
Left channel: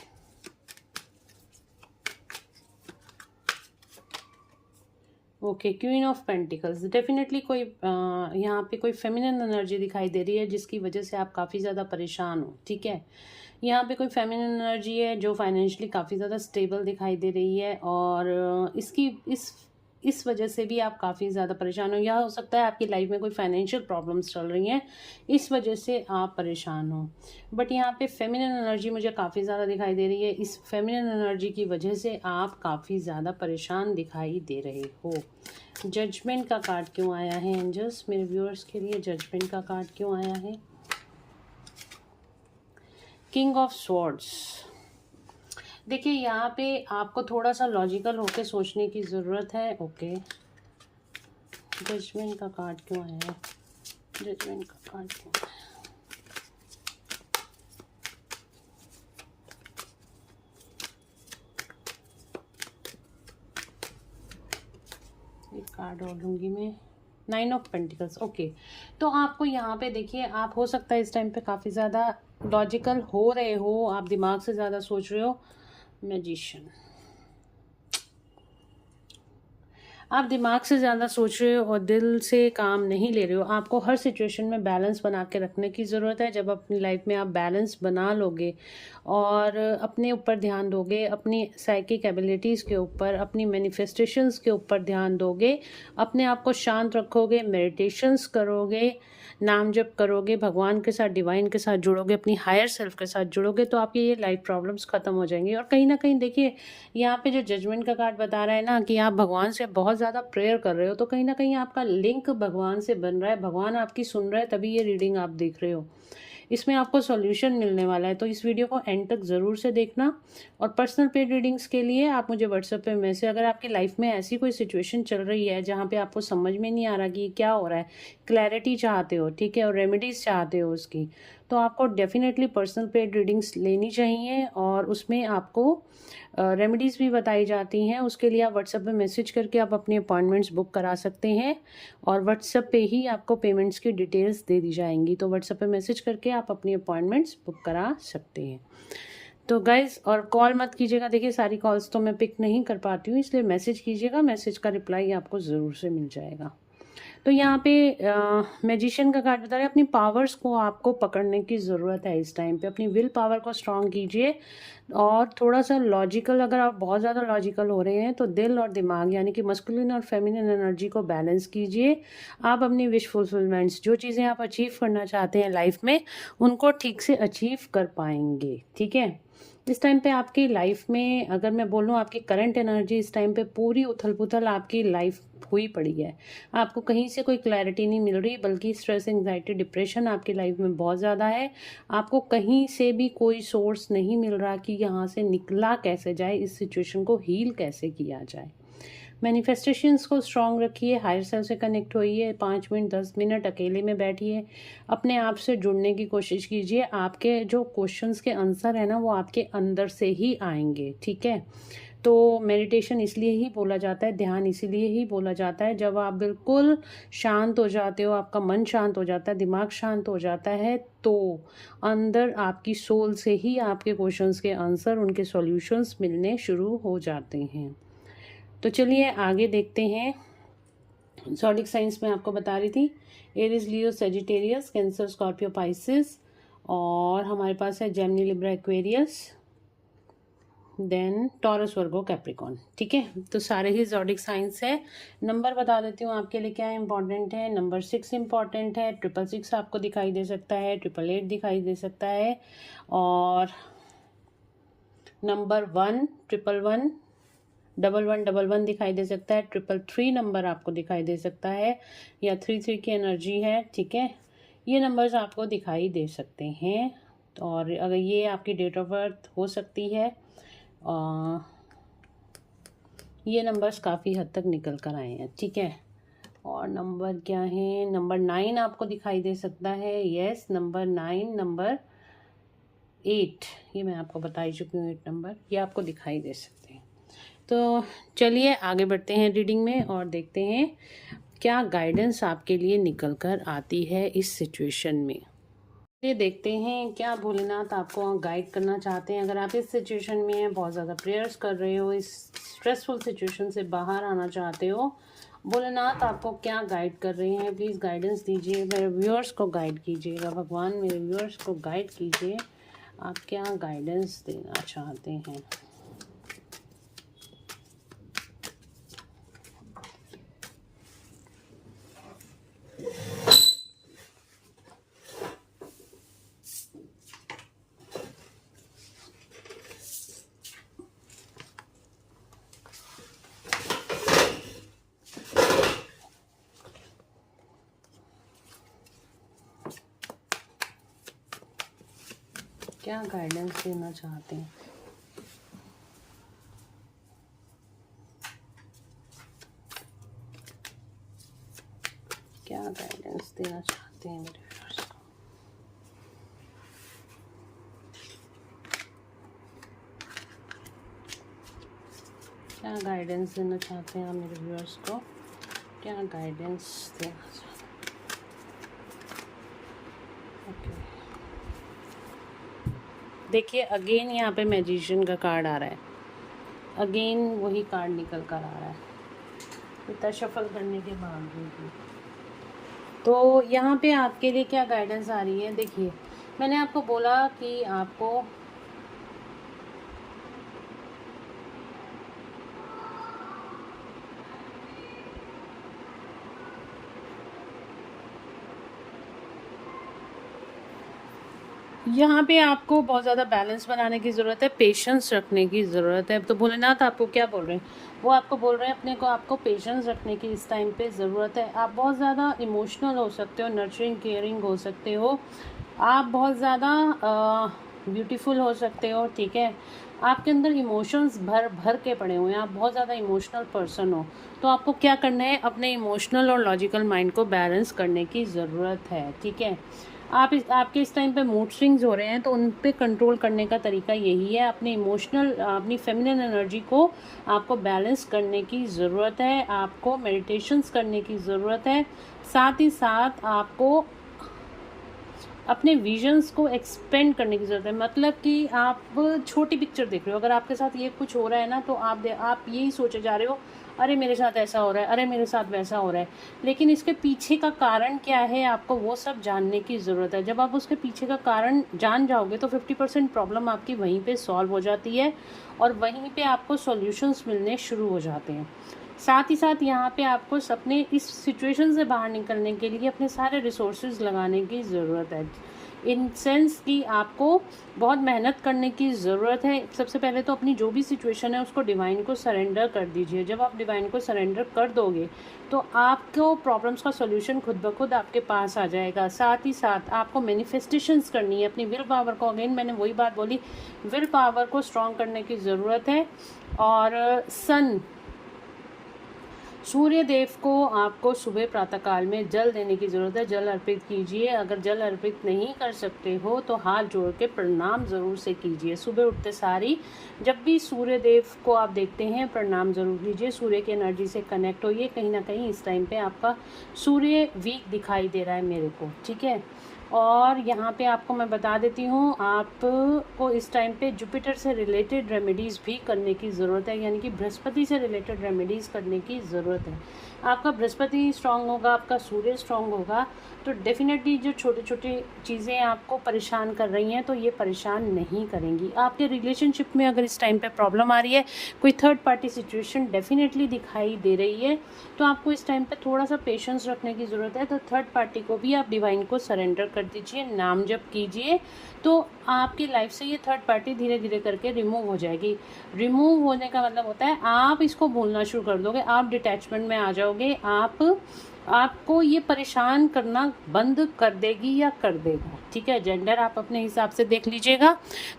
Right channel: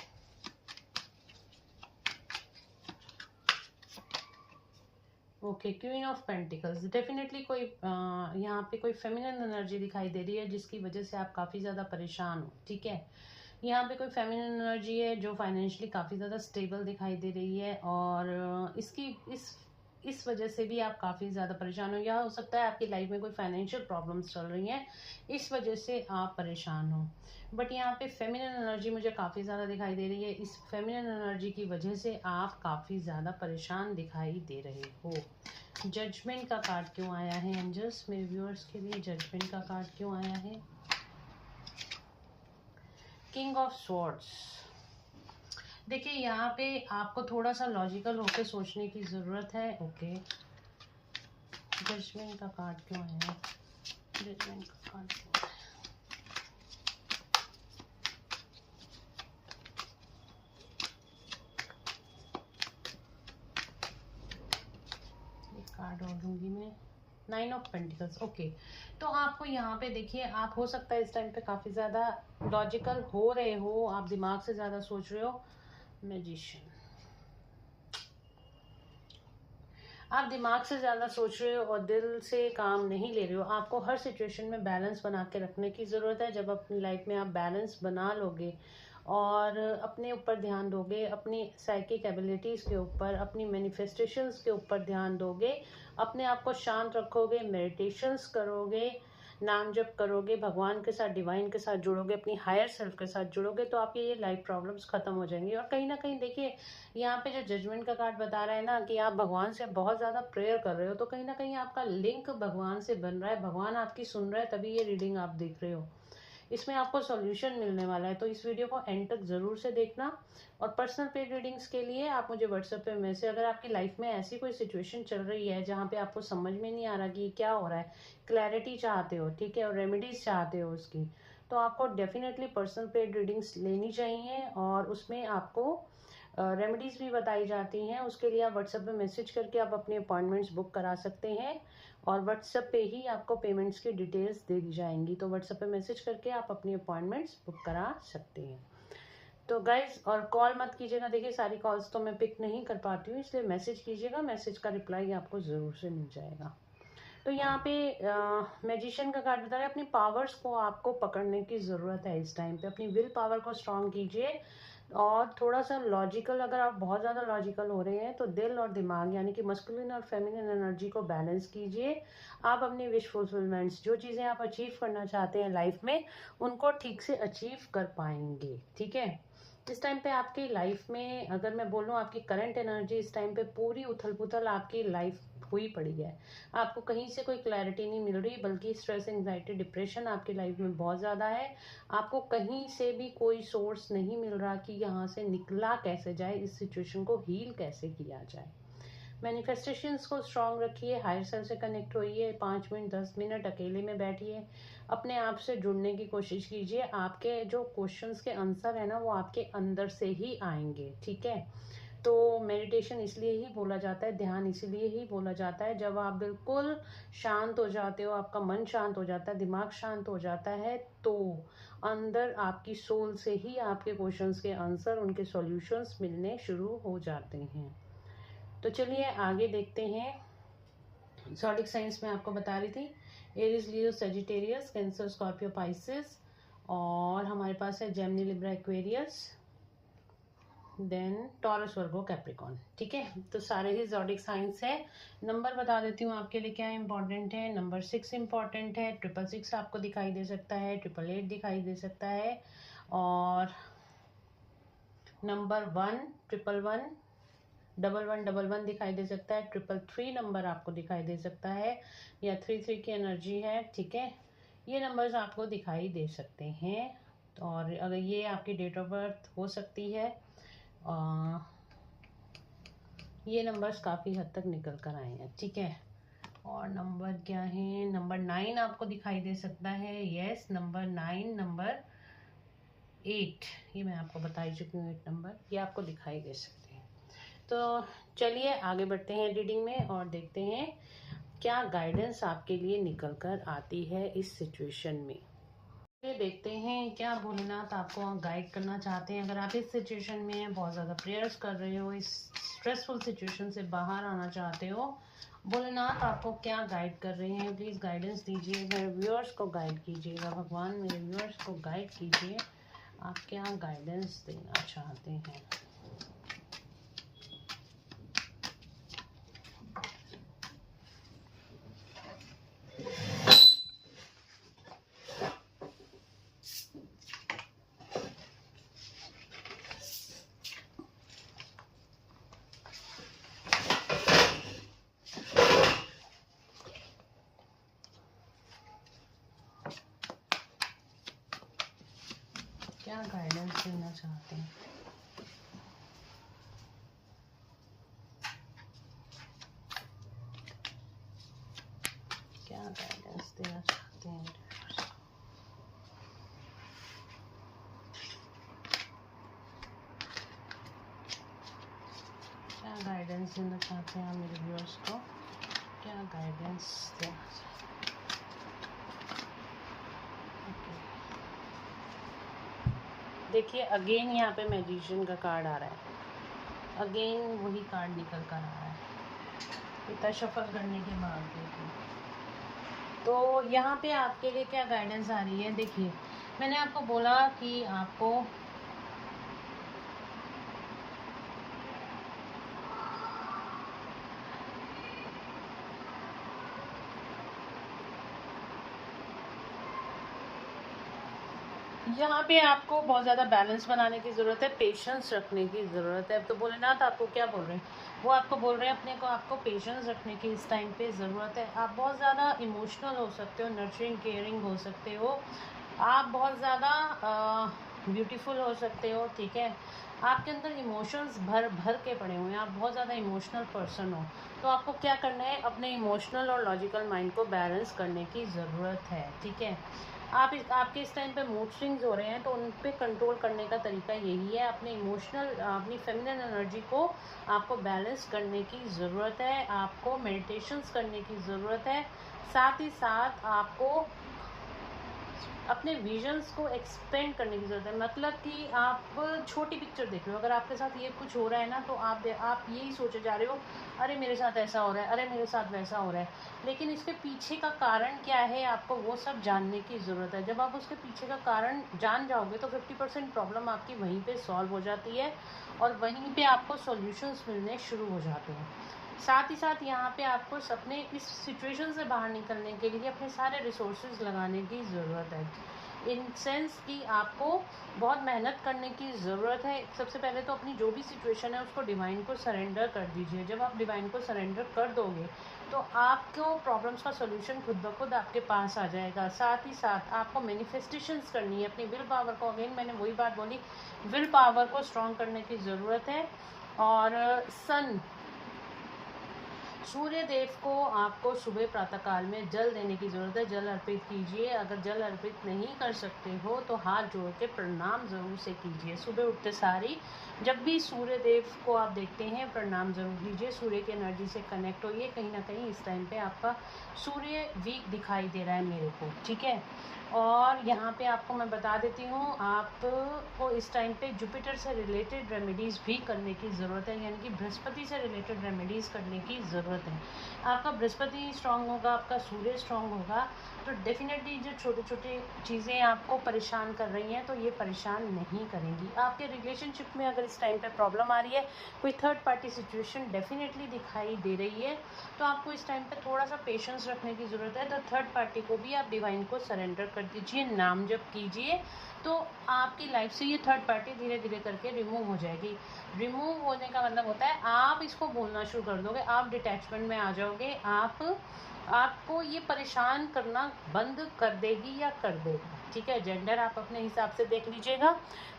Okay, queen of pentacles. Definitely कोई यहाँ पे कोई फेमिनिन एनर्जी दिखाई दे रही है जिसकी वजह से आप काफ़ी ज़्यादा परेशान हो, ठीक है। यहाँ पे कोई फेमिनिन एनर्जी है जो फाइनेंशियली काफ़ी ज़्यादा स्टेबल दिखाई दे रही है, और इस वजह से भी आप काफ़ी ज़्यादा परेशान हो, या हो सकता है आपकी लाइफ में कोई फाइनेंशियल प्रॉब्लम्स चल रही हैं, इस वजह से आप परेशान हो। बट यहाँ पे फेमिनिन एनर्जी मुझे काफ़ी ज़्यादा दिखाई दे रही है, इस फेमिनिन एनर्जी की वजह से आप काफ़ी ज़्यादा परेशान दिखाई दे रहे हो। जजमेंट का कार्ड क्यों आया है एंजल्स? मेरे व्यूअर्स के लिए जजमेंट का कार्ड क्यों आया है? King of swords. देखिए यहाँ पे आपको थोड़ा सा लॉजिकल होकर सोचने की ज़रूरत है। ओके, जजमेंट का कार्ड क्यों आया है? जजमेंट का कार्ड क्यों आया है? एक कार्ड और लूँगी मैं, 9 ऑफ पेंटिकल्स। ओके, तो आपको यहाँ पे देखिए, आप हो सकता है इस टाइम पे काफ़ी ज़्यादा लॉजिकल हो रहे हो, आप दिमाग से ज़्यादा सोच रहे हो। मैजिशियन, आप दिमाग से ज़्यादा सोच रहे हो और दिल से काम नहीं ले रहे हो। आपको हर सिचुएशन में बैलेंस बना के रखने की ज़रूरत है। जब अपनी लाइफ में आप बैलेंस बना लोगे और अपने ऊपर ध्यान दोगे, अपनी साइकिक एबिलिटीज़ के ऊपर, अपनी मैनिफेस्टेशंस के ऊपर ध्यान दोगे, अपने आप को शांत रखोगे, मेडिटेशंस करोगे, नाम जप करोगे, भगवान के साथ, डिवाइन के साथ जुड़ोगे, अपनी हायर सेल्फ के साथ जुड़ोगे, तो आपकी ये लाइफ प्रॉब्लम्स ख़त्म हो जाएंगी। और कहीं ना कहीं देखिए यहाँ पे जो जजमेंट का कार्ड बता रहा है ना कि आप भगवान से बहुत ज़्यादा प्रेयर कर रहे हो, तो कहीं ना कहीं आपका लिंक भगवान से बन रहा है, भगवान आपकी सुन रहा है, तभी ये रीडिंग आप देख रहे हो। इसमें आपको सॉल्यूशन मिलने वाला है, तो इस वीडियो को एंड तक ज़रूर से देखना। और पर्सनल पेड रीडिंग्स के लिए आप मुझे व्हाट्सएप पे मैसेज, अगर आपकी लाइफ में ऐसी कोई सिचुएशन चल रही है जहाँ पे आपको समझ में नहीं आ रहा कि क्या हो रहा है, क्लैरिटी चाहते हो, ठीक है, और रेमेडीज़ चाहते हो उसकी, तो आपको डेफिनेटली पर्सनल पेड रीडिंग्स लेनी चाहिए। और उसमें आपको रेमेडीज़ भी बताई जाती हैं। उसके लिए आप व्हाट्सएप पे मैसेज करके आप अपनी अपॉइंटमेंट्स बुक करा सकते हैं, और व्हाट्सएप पे ही आपको पेमेंट्स की डिटेल्स दे दी जाएंगी। तो व्हाट्सएप पे मैसेज करके आप अपनी अपॉइंटमेंट्स बुक करा सकते हैं। तो गाइज, और कॉल मत कीजिएगा, देखिए सारी कॉल्स तो मैं पिक नहीं कर पाती हूँ, इसलिए मैसेज कीजिएगा, मैसेज का रिप्लाई आपको ज़रूर से मिल जाएगा। तो यहाँ पे मैजिशियन का कार्ड बता रहे हैं अपनी पावर्स को आपको पकड़ने की ज़रूरत है इस टाइम पे, अपनी विल पावर को स्ट्रॉन्ग कीजिए और थोड़ा सा लॉजिकल, अगर आप बहुत ज़्यादा लॉजिकल हो रहे हैं तो दिल और दिमाग यानी कि मस्कुलिन और फेमिनिन एनर्जी को बैलेंस कीजिए। आप अपनी विश फुलफिलमेंट्स, जो चीज़ें आप अचीव करना चाहते हैं लाइफ में, उनको ठीक से अचीव कर पाएंगे। ठीक है, इस टाइम पे आपकी लाइफ में अगर मैं बोलूँ, आपकी करंट एनर्जी इस टाइम पे पूरी उथल पुथल आपकी लाइफ हुई पड़ी है। आपको कहीं से कोई क्लैरिटी नहीं मिल रही, बल्कि स्ट्रेस, एंजाइटी, डिप्रेशन आपकी लाइफ में बहुत ज़्यादा है। आपको कहीं से भी कोई सोर्स नहीं मिल रहा कि यहाँ से निकला कैसे जाए, इस सिचुएशन को हील कैसे किया जाए। मैनिफेस्टेशंस को स्ट्रॉन्ग रखिए, हायर सेल्फ से कनेक्ट होइए, 5 मिनट 10 मिनट अकेले में बैठिए, अपने आप से जुड़ने की कोशिश कीजिए। आपके जो क्वेश्चंस के आंसर है ना, वो आपके अंदर से ही आएंगे। ठीक है, तो मेडिटेशन इसलिए ही बोला जाता है, ध्यान इसीलिए ही बोला जाता है, जब आप बिल्कुल शांत हो जाते हो, आपका मन शांत हो जाता है, दिमाग शांत हो जाता है, तो अंदर आपकी सोल से ही आपके क्वेश्चंस के आंसर, उनके सॉल्यूशंस मिलने शुरू हो जाते हैं। तो चलिए आगे देखते हैं। ज़ोडिक साइंस में आपको बता रही थी, Aries, Leo, Sagittarius, Cancer, Scorpio, Pisces, और हमारे पास है Gemini, Libra, Aquarius, then Taurus, Virgo, Capricorn. ठीक है, तो सारे ही ज़ोडिक साइंस है। नंबर बता देती हूँ आपके लिए क्या इंपॉर्टेंट है। नंबर 6 इंपॉर्टेंट है, 666 आपको दिखाई दे सकता है, 888 दिखाई दे सकता है, और नंबर 1, 111, 1111 दिखाई दे सकता है, 333 नंबर आपको दिखाई दे सकता है, या 33 की एनर्जी है। ठीक है, ये नंबर्स आपको दिखाई दे सकते हैं, और अगर ये आपकी डेट ऑफ बर्थ हो सकती है, ये नंबर्स काफ़ी हद तक निकल कर आए हैं। ठीक है, और नंबर क्या है, नंबर 9 आपको दिखाई दे सकता है, यस, नंबर 9, नंबर 8, ये मैं आपको बता ही चुकी हूँ, 8 नंबर ये आपको दिखाई दे सकते हैं। तो चलिए आगे बढ़ते हैं रीडिंग में और देखते हैं क्या गाइडेंस आपके लिए निकल कर आती है इस सिचुएशन में। ये देखते हैं क्या भोलेनाथ आपको गाइड करना चाहते हैं। अगर आप इस सिचुएशन में बहुत ज़्यादा प्रेयर्स कर रहे हो, इस स्ट्रेसफुल सिचुएशन से बाहर आना चाहते हो, भोलेनाथ आपको क्या गाइड कर रहे हैं, प्लीज़ गाइडेंस दीजिए। मेरे व्यूअर्स को गाइड कीजिएगा, भगवान मेरे व्यूअर्स को गाइड कीजिए, आप क्या गाइडेंस देना चाहते हैं। क्या गाइडेंस देना चाहते हैं। क्या गाइडेंस देना चाहते हैं मेरे व्यूअर्स को। क्या गाइडेंस देना चाहते हैं मेरे व्यूअर्स को, क्या गाइडेंस देना चाहते हैं। देखिए अगेन यहाँ पे मैजिशियन का कार्ड आ रहा है, अगेन वही कार्ड निकल कर आ रहा है इतना शफल करने के बावजूद। तो यहाँ पे आपके लिए क्या गाइडेंस आ रही है, देखिए मैंने आपको बोला कि आपको यहाँ पे आपको बहुत ज़्यादा बैलेंस बनाने की ज़रूरत है, पेशेंस रखने की ज़रूरत है। तो भोलेनाथ आपको क्या बोल रहे हैं, वो आपको बोल रहे हैं अपने को आपको पेशेंस रखने की इस टाइम पे ज़रूरत है। आप बहुत ज़्यादा इमोशनल हो सकते हो, नर्चरिंग केयरिंग हो सकते हो, आप बहुत ज़्यादा ब्यूटीफुल हो सकते हो। ठीक है, आपके अंदर इमोशंस भर भर के पड़े हुए हैं, आप बहुत ज़्यादा इमोशनल पर्सन हो। तो आपको क्या करना है, अपने इमोशनल और लॉजिकल माइंड को बैलेंस करने की ज़रूरत है। ठीक है, आपके इस टाइम पे मूड स्विंग्स हो रहे हैं, तो उन पे कंट्रोल करने का तरीका यही है, अपने इमोशनल, अपनी फेमिनिन एनर्जी को आपको बैलेंस करने की ज़रूरत है, आपको मेडिटेशंस करने की ज़रूरत है, साथ ही साथ आपको अपने विजन्स को एक्सपेंड करने की ज़रूरत है। मतलब कि आप छोटी पिक्चर देख रहे हो, अगर आपके साथ ये कुछ हो रहा है ना, तो आप यही सोचे जा रहे हो, अरे मेरे साथ ऐसा हो रहा है, अरे मेरे साथ वैसा हो रहा है। लेकिन इसके पीछे का कारण क्या है, आपको वो सब जानने की ज़रूरत है। जब आप उसके पीछे का कारण जान जाओगे तो 50% प्रॉब्लम आपकी वहीं पे सॉल्व हो जाती है और वहीं पे आपको सॉल्यूशंस मिलने शुरू हो जाते हैं। साथ ही साथ यहाँ पे आपको अपने इस सिचुएशन से बाहर निकलने के लिए अपने सारे रिसोर्सेज लगाने की ज़रूरत है। इन सेंस कि आपको बहुत मेहनत करने की ज़रूरत है। सबसे पहले तो अपनी जो भी सिचुएशन है उसको डिवाइन को सरेंडर कर दीजिए। जब आप डिवाइन को सरेंडर कर दोगे तो आपको प्रॉब्लम्स का सॉल्यूशन खुद ब खुद आपके पास आ जाएगा। साथ ही साथ आपको मैनिफेस्टेशंस करनी है। अपनी विल पावर को, अगेन मैंने वही बात बोली, विल पावर को स्ट्रॉन्ग करने की ज़रूरत है। और सूर्य देव को आपको सुबह प्रातःकाल में जल देने की ज़रूरत है। जल अर्पित कीजिए। अगर जल अर्पित नहीं कर सकते हो तो हाथ जोड़ के प्रणाम ज़रूर से कीजिए। सुबह उठते सारी जब भी सूर्य देव को आप देखते हैं, प्रणाम ज़रूर कीजिए। सूर्य की एनर्जी से कनेक्ट होइए। कहीं ना कहीं इस टाइम पे आपका सूर्य वीक दिखाई दे रहा है मेरे को, ठीक है। और यहाँ पे आपको मैं बता देती हूँ, आपको इस टाइम पे जुपिटर से रिलेटेड रेमेडीज़ भी करने की ज़रूरत है, यानी कि बृहस्पति से रिलेटेड रेमेडीज़ करने की ज़रूरत है। आपका बृहस्पति स्ट्रांग होगा, आपका सूर्य स्ट्रांग होगा, तो डेफिनेटली जो छोटी छोटी चीज़ें आपको परेशान कर रही हैं तो ये परेशान नहीं करेंगी। आपके रिलेशनशिप में अगर इस टाइम पे प्रॉब्लम आ रही है, कोई थर्ड पार्टी सिचुएशन डेफिनेटली दिखाई दे रही है, तो आपको इस टाइम पे थोड़ा सा पेशेंस रखने की ज़रूरत है। तो थर्ड पार्टी को भी आप डिवाइन को सरेंडर कर दीजिए, नाम जप कीजिए, तो आपकी लाइफ से ये थर्ड पार्टी धीरे धीरे करके रिमूव हो जाएगी। रिमूव होने का मतलब होता है आप इसको भूलना शुरू कर दोगे, आप डिटैचमेंट में आ जाओगे, आपको ये परेशान करना बंद कर देगी या कर देगी, ठीक है। जेंडर आप अपने हिसाब से देख लीजिएगा।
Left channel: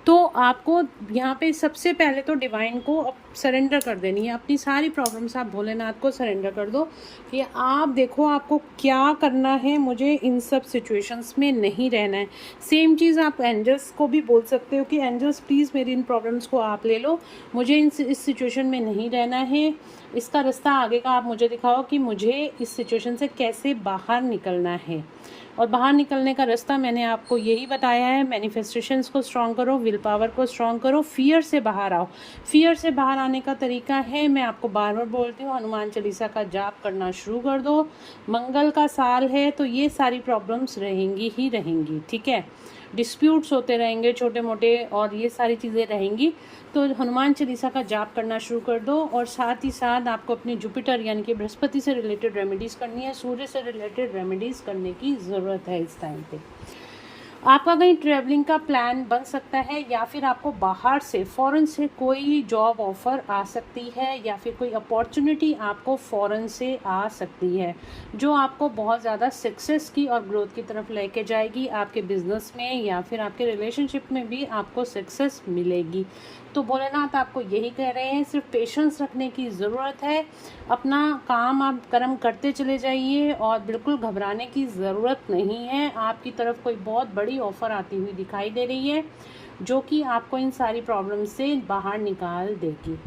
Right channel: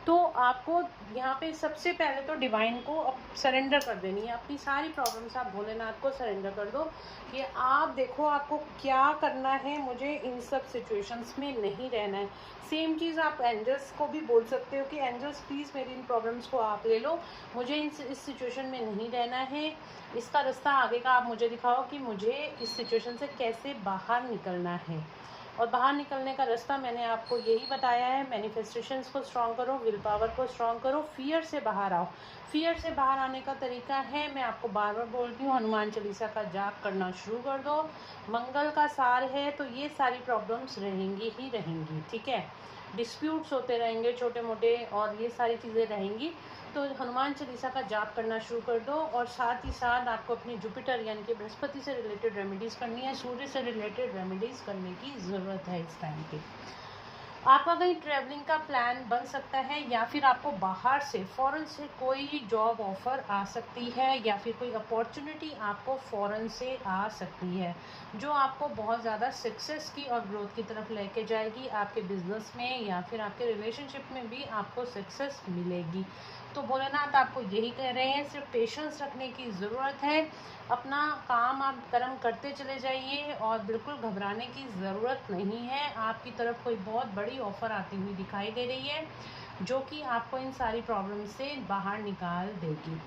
तो आपको यहाँ पे सबसे पहले तो डिवाइन को सरेंडर कर देनी है। अपनी सारी प्रॉब्लम्स आप भोलेनाथ को सरेंडर कर दो कि आप देखो आपको क्या करना है, मुझे इन सब सिचुएशंस में नहीं रहना है। सेम चीज़ आप एंजल्स को भी बोल सकते हो कि एंजल्स प्लीज़ मेरी इन प्रॉब्लम्स को आप ले लो, मुझे इस सिचुएशन में नहीं रहना है। इसका रास्ता आगे का आप मुझे दिखाओ कि मुझे इस सिचुएशन से कैसे बाहर निकलना है। और बाहर निकलने का रास्ता मैंने आपको यही बताया है। मैनिफेस्टेशंस को स्ट्रॉन्ग करो, विल पावर को स्ट्रॉन्ग करो, फियर से बाहर आओ। फियर से बाहर आने का तरीका है, मैं आपको बार बार बोलती हूँ, हनुमान चालीसा का जाप करना शुरू कर दो। मंगल का साल है तो ये सारी प्रॉब्लम्स रहेंगी ही रहेंगी, ठीक है। डिस्प्यूट्स होते रहेंगे छोटे मोटे और ये सारी चीज़ें रहेंगी, तो हनुमान चालीसा का जाप करना शुरू कर दो। और साथ ही साथ आपको अपनी जुपिटर यानी कि बृहस्पति से रिलेटेड रेमेडीज़ करनी है, सूर्य से रिलेटेड रेमेडीज़ करने की ज़रूरत है इस टाइम पे। आपका कहीं ट्रैवलिंग का प्लान बन सकता है, या फिर आपको बाहर से फ़ॉरेन से कोई जॉब ऑफ़र आ सकती है, या फिर कोई अपॉर्चुनिटी आपको फ़ॉरेन से आ सकती है जो आपको बहुत ज़्यादा सक्सेस की और ग्रोथ की तरफ लेके जाएगी। आपके बिजनेस में या फिर आपके रिलेशनशिप में भी आपको सक्सेस मिलेगी। तो भोलेनाथ आपको यही कह रहे हैं, सिर्फ पेशेंस रखने की ज़रूरत है। अपना काम आप कर्म करते चले जाइए और बिल्कुल घबराने की ज़रूरत नहीं है। आपकी तरफ कोई बहुत बड़ी ऑफ़र आती हुई दिखाई दे रही है जो कि आपको इन सारी प्रॉब्लम से बाहर निकाल देगी।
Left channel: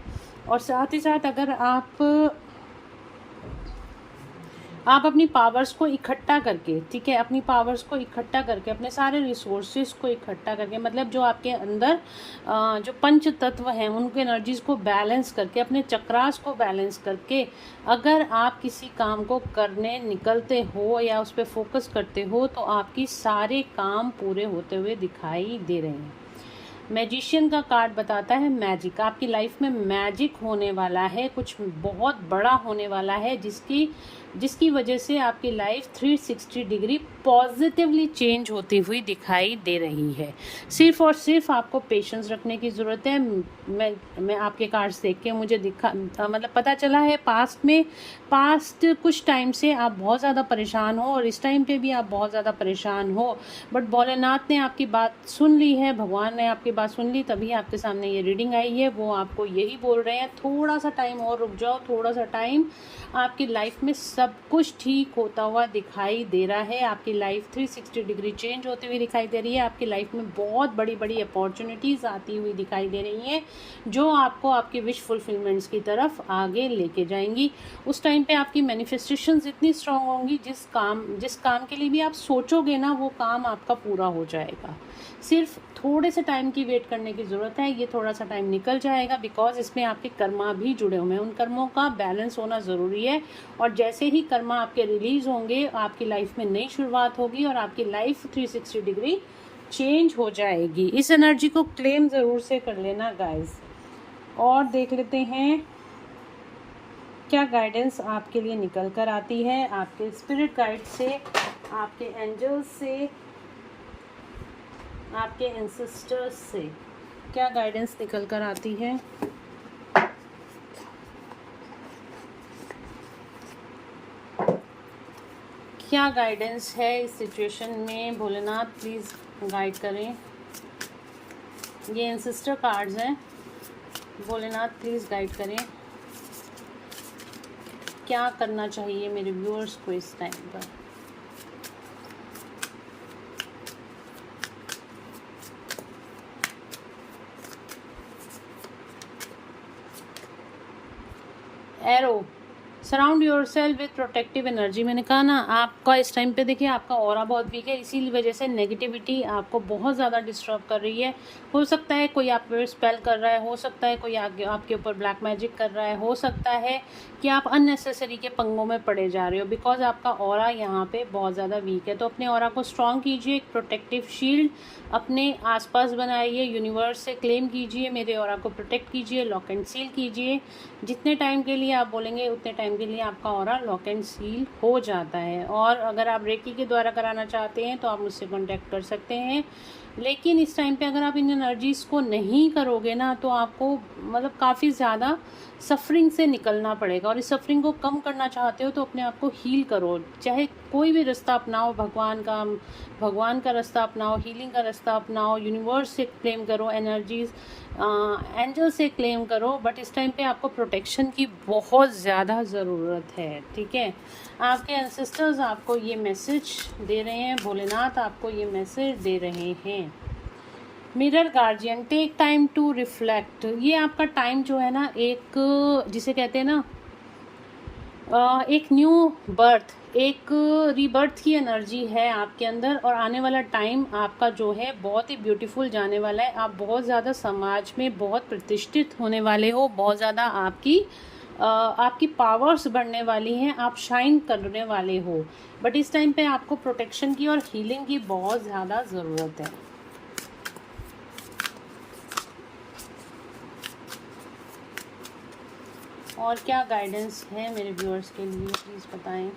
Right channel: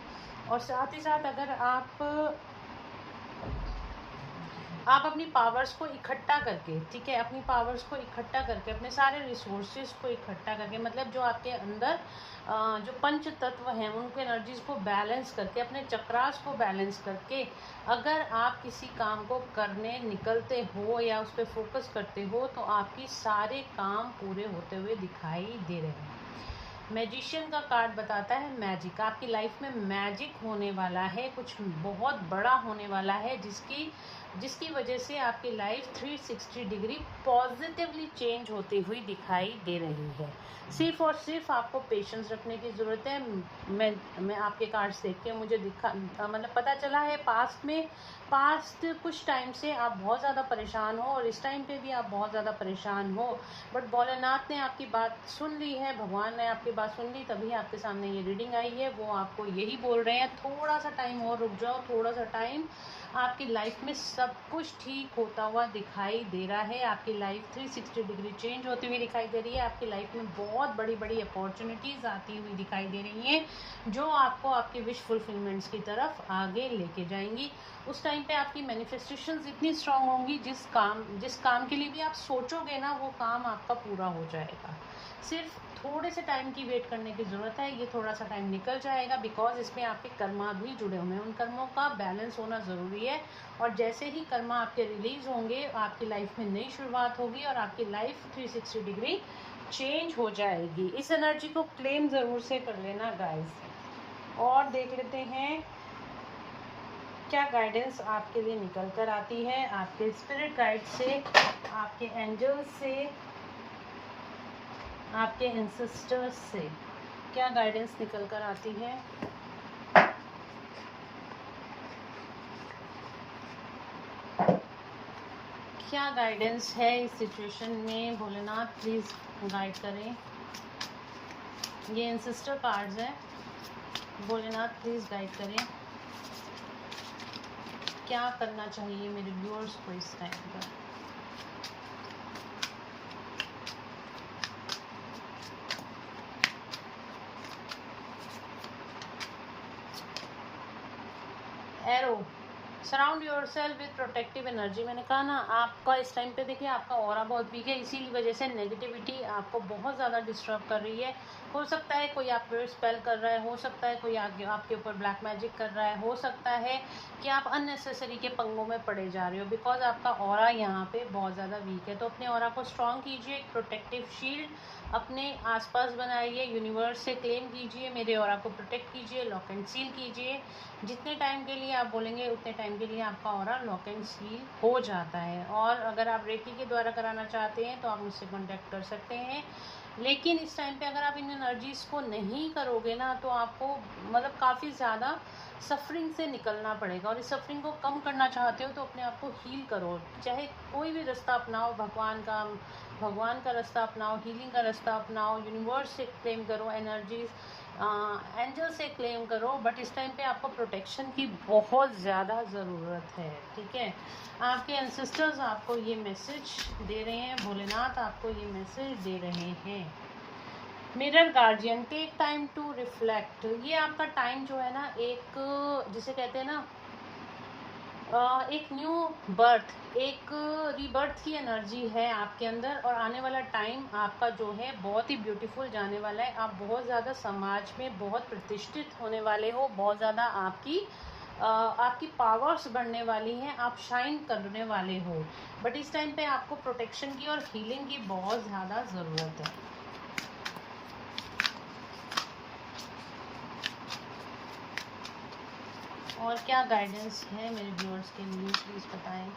और साथ ही साथ अगर आप अपनी पावर्स को इकट्ठा करके, ठीक है, अपनी पावर्स को इकट्ठा करके, अपने सारे रिसोर्सेज को इकट्ठा करके, मतलब जो आपके अंदर जो पंच तत्व हैं उनको एनर्जीज को बैलेंस करके, अपने चक्रास को बैलेंस करके अगर आप किसी काम को करने निकलते हो या उस पर फोकस करते हो तो आपकी सारे काम पूरे होते हुए दिखाई दे रहे हैं। मैजिशियन का कार्ड बताता है मैजिक, आपकी लाइफ में मैजिक होने वाला है, कुछ बहुत बड़ा होने वाला है जिसकी वजह से आपकी लाइफ 360 डिग्री पॉजिटिवली चेंज होती हुई दिखाई दे रही है। सिर्फ और सिर्फ आपको पेशेंस रखने की ज़रूरत है। मैं आपके कार्ड्स देख के मुझे मतलब पता चला है पास्ट कुछ टाइम से आप बहुत ज़्यादा परेशान हो और इस टाइम पे भी आप बहुत ज़्यादा परेशान हो, बट भोलेनाथ ने आपकी बात सुन ली है, भगवान ने आपकी बात सुन ली तभी आपके सामने ये रीडिंग आई है, वो आपको यही बोल रहे हैं थोड़ा सा टाइम और रुक जाओ, थोड़ा सा टाइम, आपकी लाइफ में सब कुछ ठीक होता हुआ दिखाई दे रहा है। आपकी लाइफ 360 डिग्री चेंज होती हुई दिखाई दे रही है। आपकी लाइफ में बहुत बड़ी बड़ी अपॉर्चुनिटीज़ आती हुई दिखाई दे रही हैं जो आपको आपके विश फुलफिलमेंट्स की तरफ आगे लेके जाएंगी। उस टाइम पे आपकी मैनिफेस्टेशंस इतनी स्ट्रांग होंगी, जिस काम के लिए भी आप सोचोगे ना वो काम आपका पूरा हो जाएगा। सिर्फ थोड़े से टाइम की वेट करने की ज़रूरत है। ये थोड़ा सा टाइम निकल जाएगा बिकॉज इसमें आपके कर्मा भी जुड़े हुए हैं, उन कर्मों का बैलेंस होना ज़रूरी है। और जैसे ही कर्मा आपके रिलीज़ होंगे आपकी लाइफ में नई शुरुआत होगी और आपकी लाइफ 360 डिग्री चेंज हो जाएगी। इस एनर्जी को क्लेम ज़रूर से कर लेना गाइस। और देख लेते हैं क्या गाइडेंस आपके लिए निकल कर आती है आपके स्पिरिट गाइड से, आपके एंजल्स से, आपके एंसेस्टर्स से। क्या गाइडेंस निकल कर आती है। क्या गाइडेंस है इस सिचुएशन में। भोलेनाथ प्लीज़ गाइड करें। ये एंसेस्टर कार्ड्स हैं, भोलेनाथ प्लीज़ गाइड करें। क्या करना चाहिए मेरे व्यूअर्स को इस टाइम पर। Arrow, surround your self with protective energy. मैंने कहा ना आपका इस टाइम पे देखिए आपका ऑरा बहुत वीक है, इसी वजह से नेगेटिविटी आपको बहुत ज़्यादा डिस्टर्ब कर रही है। हो सकता है कोई आप पे स्पेल कर रहा है, हो सकता है कोई आपके ऊपर ब्लैक मैजिक कर रहा है, हो सकता है कि आप अननेसेसरी के पंगों में पड़े जा रहे हो बिकॉज आपका ऑरा यहाँ पे बहुत ज़्यादा वीक है। तो अपने ऑरा को स्ट्रॉन्ग कीजिए, एक प्रोटेक्टिव शील्ड अपने आसपास बनाइए, यूनिवर्स से क्लेम कीजिए मेरे ऑरा को प्रोटेक्ट कीजिए, लॉक एंड सील कीजिए। जितने टाइम के लिए आप बोलेंगे उतने टाइम के लिए आपका ऑरा लॉक एंड सील हो जाता है। और अगर आप रेकी के द्वारा कराना चाहते हैं तो आप मुझसे कॉन्टैक्ट कर सकते हैं। लेकिन इस टाइम पे अगर आप इन एनर्जीज़ को नहीं करोगे ना तो आपको मतलब काफ़ी ज़्यादा सफरिंग से निकलना पड़ेगा। और इस सफरिंग को कम करना चाहते हो तो अपने आप को हील करो, चाहे कोई भी रास्ता अपनाओ, भगवान का रास्ता अपनाओ, हीलिंग का रास्ता अपनाओ, यूनिवर्स से क्लेम करो एनर्जीज़, एंजल से क्लेम करो। बट इस टाइम पे आपको प्रोटेक्शन की बहुत ज़्यादा ज़रूरत है, ठीक है। आपके एंसेस्टर्स आपको ये मैसेज दे रहे हैं, भोलेनाथ आपको ये मैसेज दे रहे हैं। Mirror guardian, take time to reflect. ये आपका टाइम जो है ना, एक जिसे कहते हैं ना एक न्यू बर्थ, एक रीबर्थ की एनर्जी है आपके अंदर। और आने वाला टाइम आपका जो है बहुत ही ब्यूटीफुल जाने वाला है। आप बहुत ज़्यादा समाज में बहुत प्रतिष्ठित होने वाले हो, बहुत ज़्यादा आपकी पावर्स बढ़ने वाली हैं, आप शाइन करने वाले हो। बट इस टाइम पे आपको प्रोटेक्शन की और हीलिंग की बहुत ज़्यादा ज़रूरत है। और क्या गाइडेंस है मेरे व्यूअर्स के लिए प्लीज़ बताएं।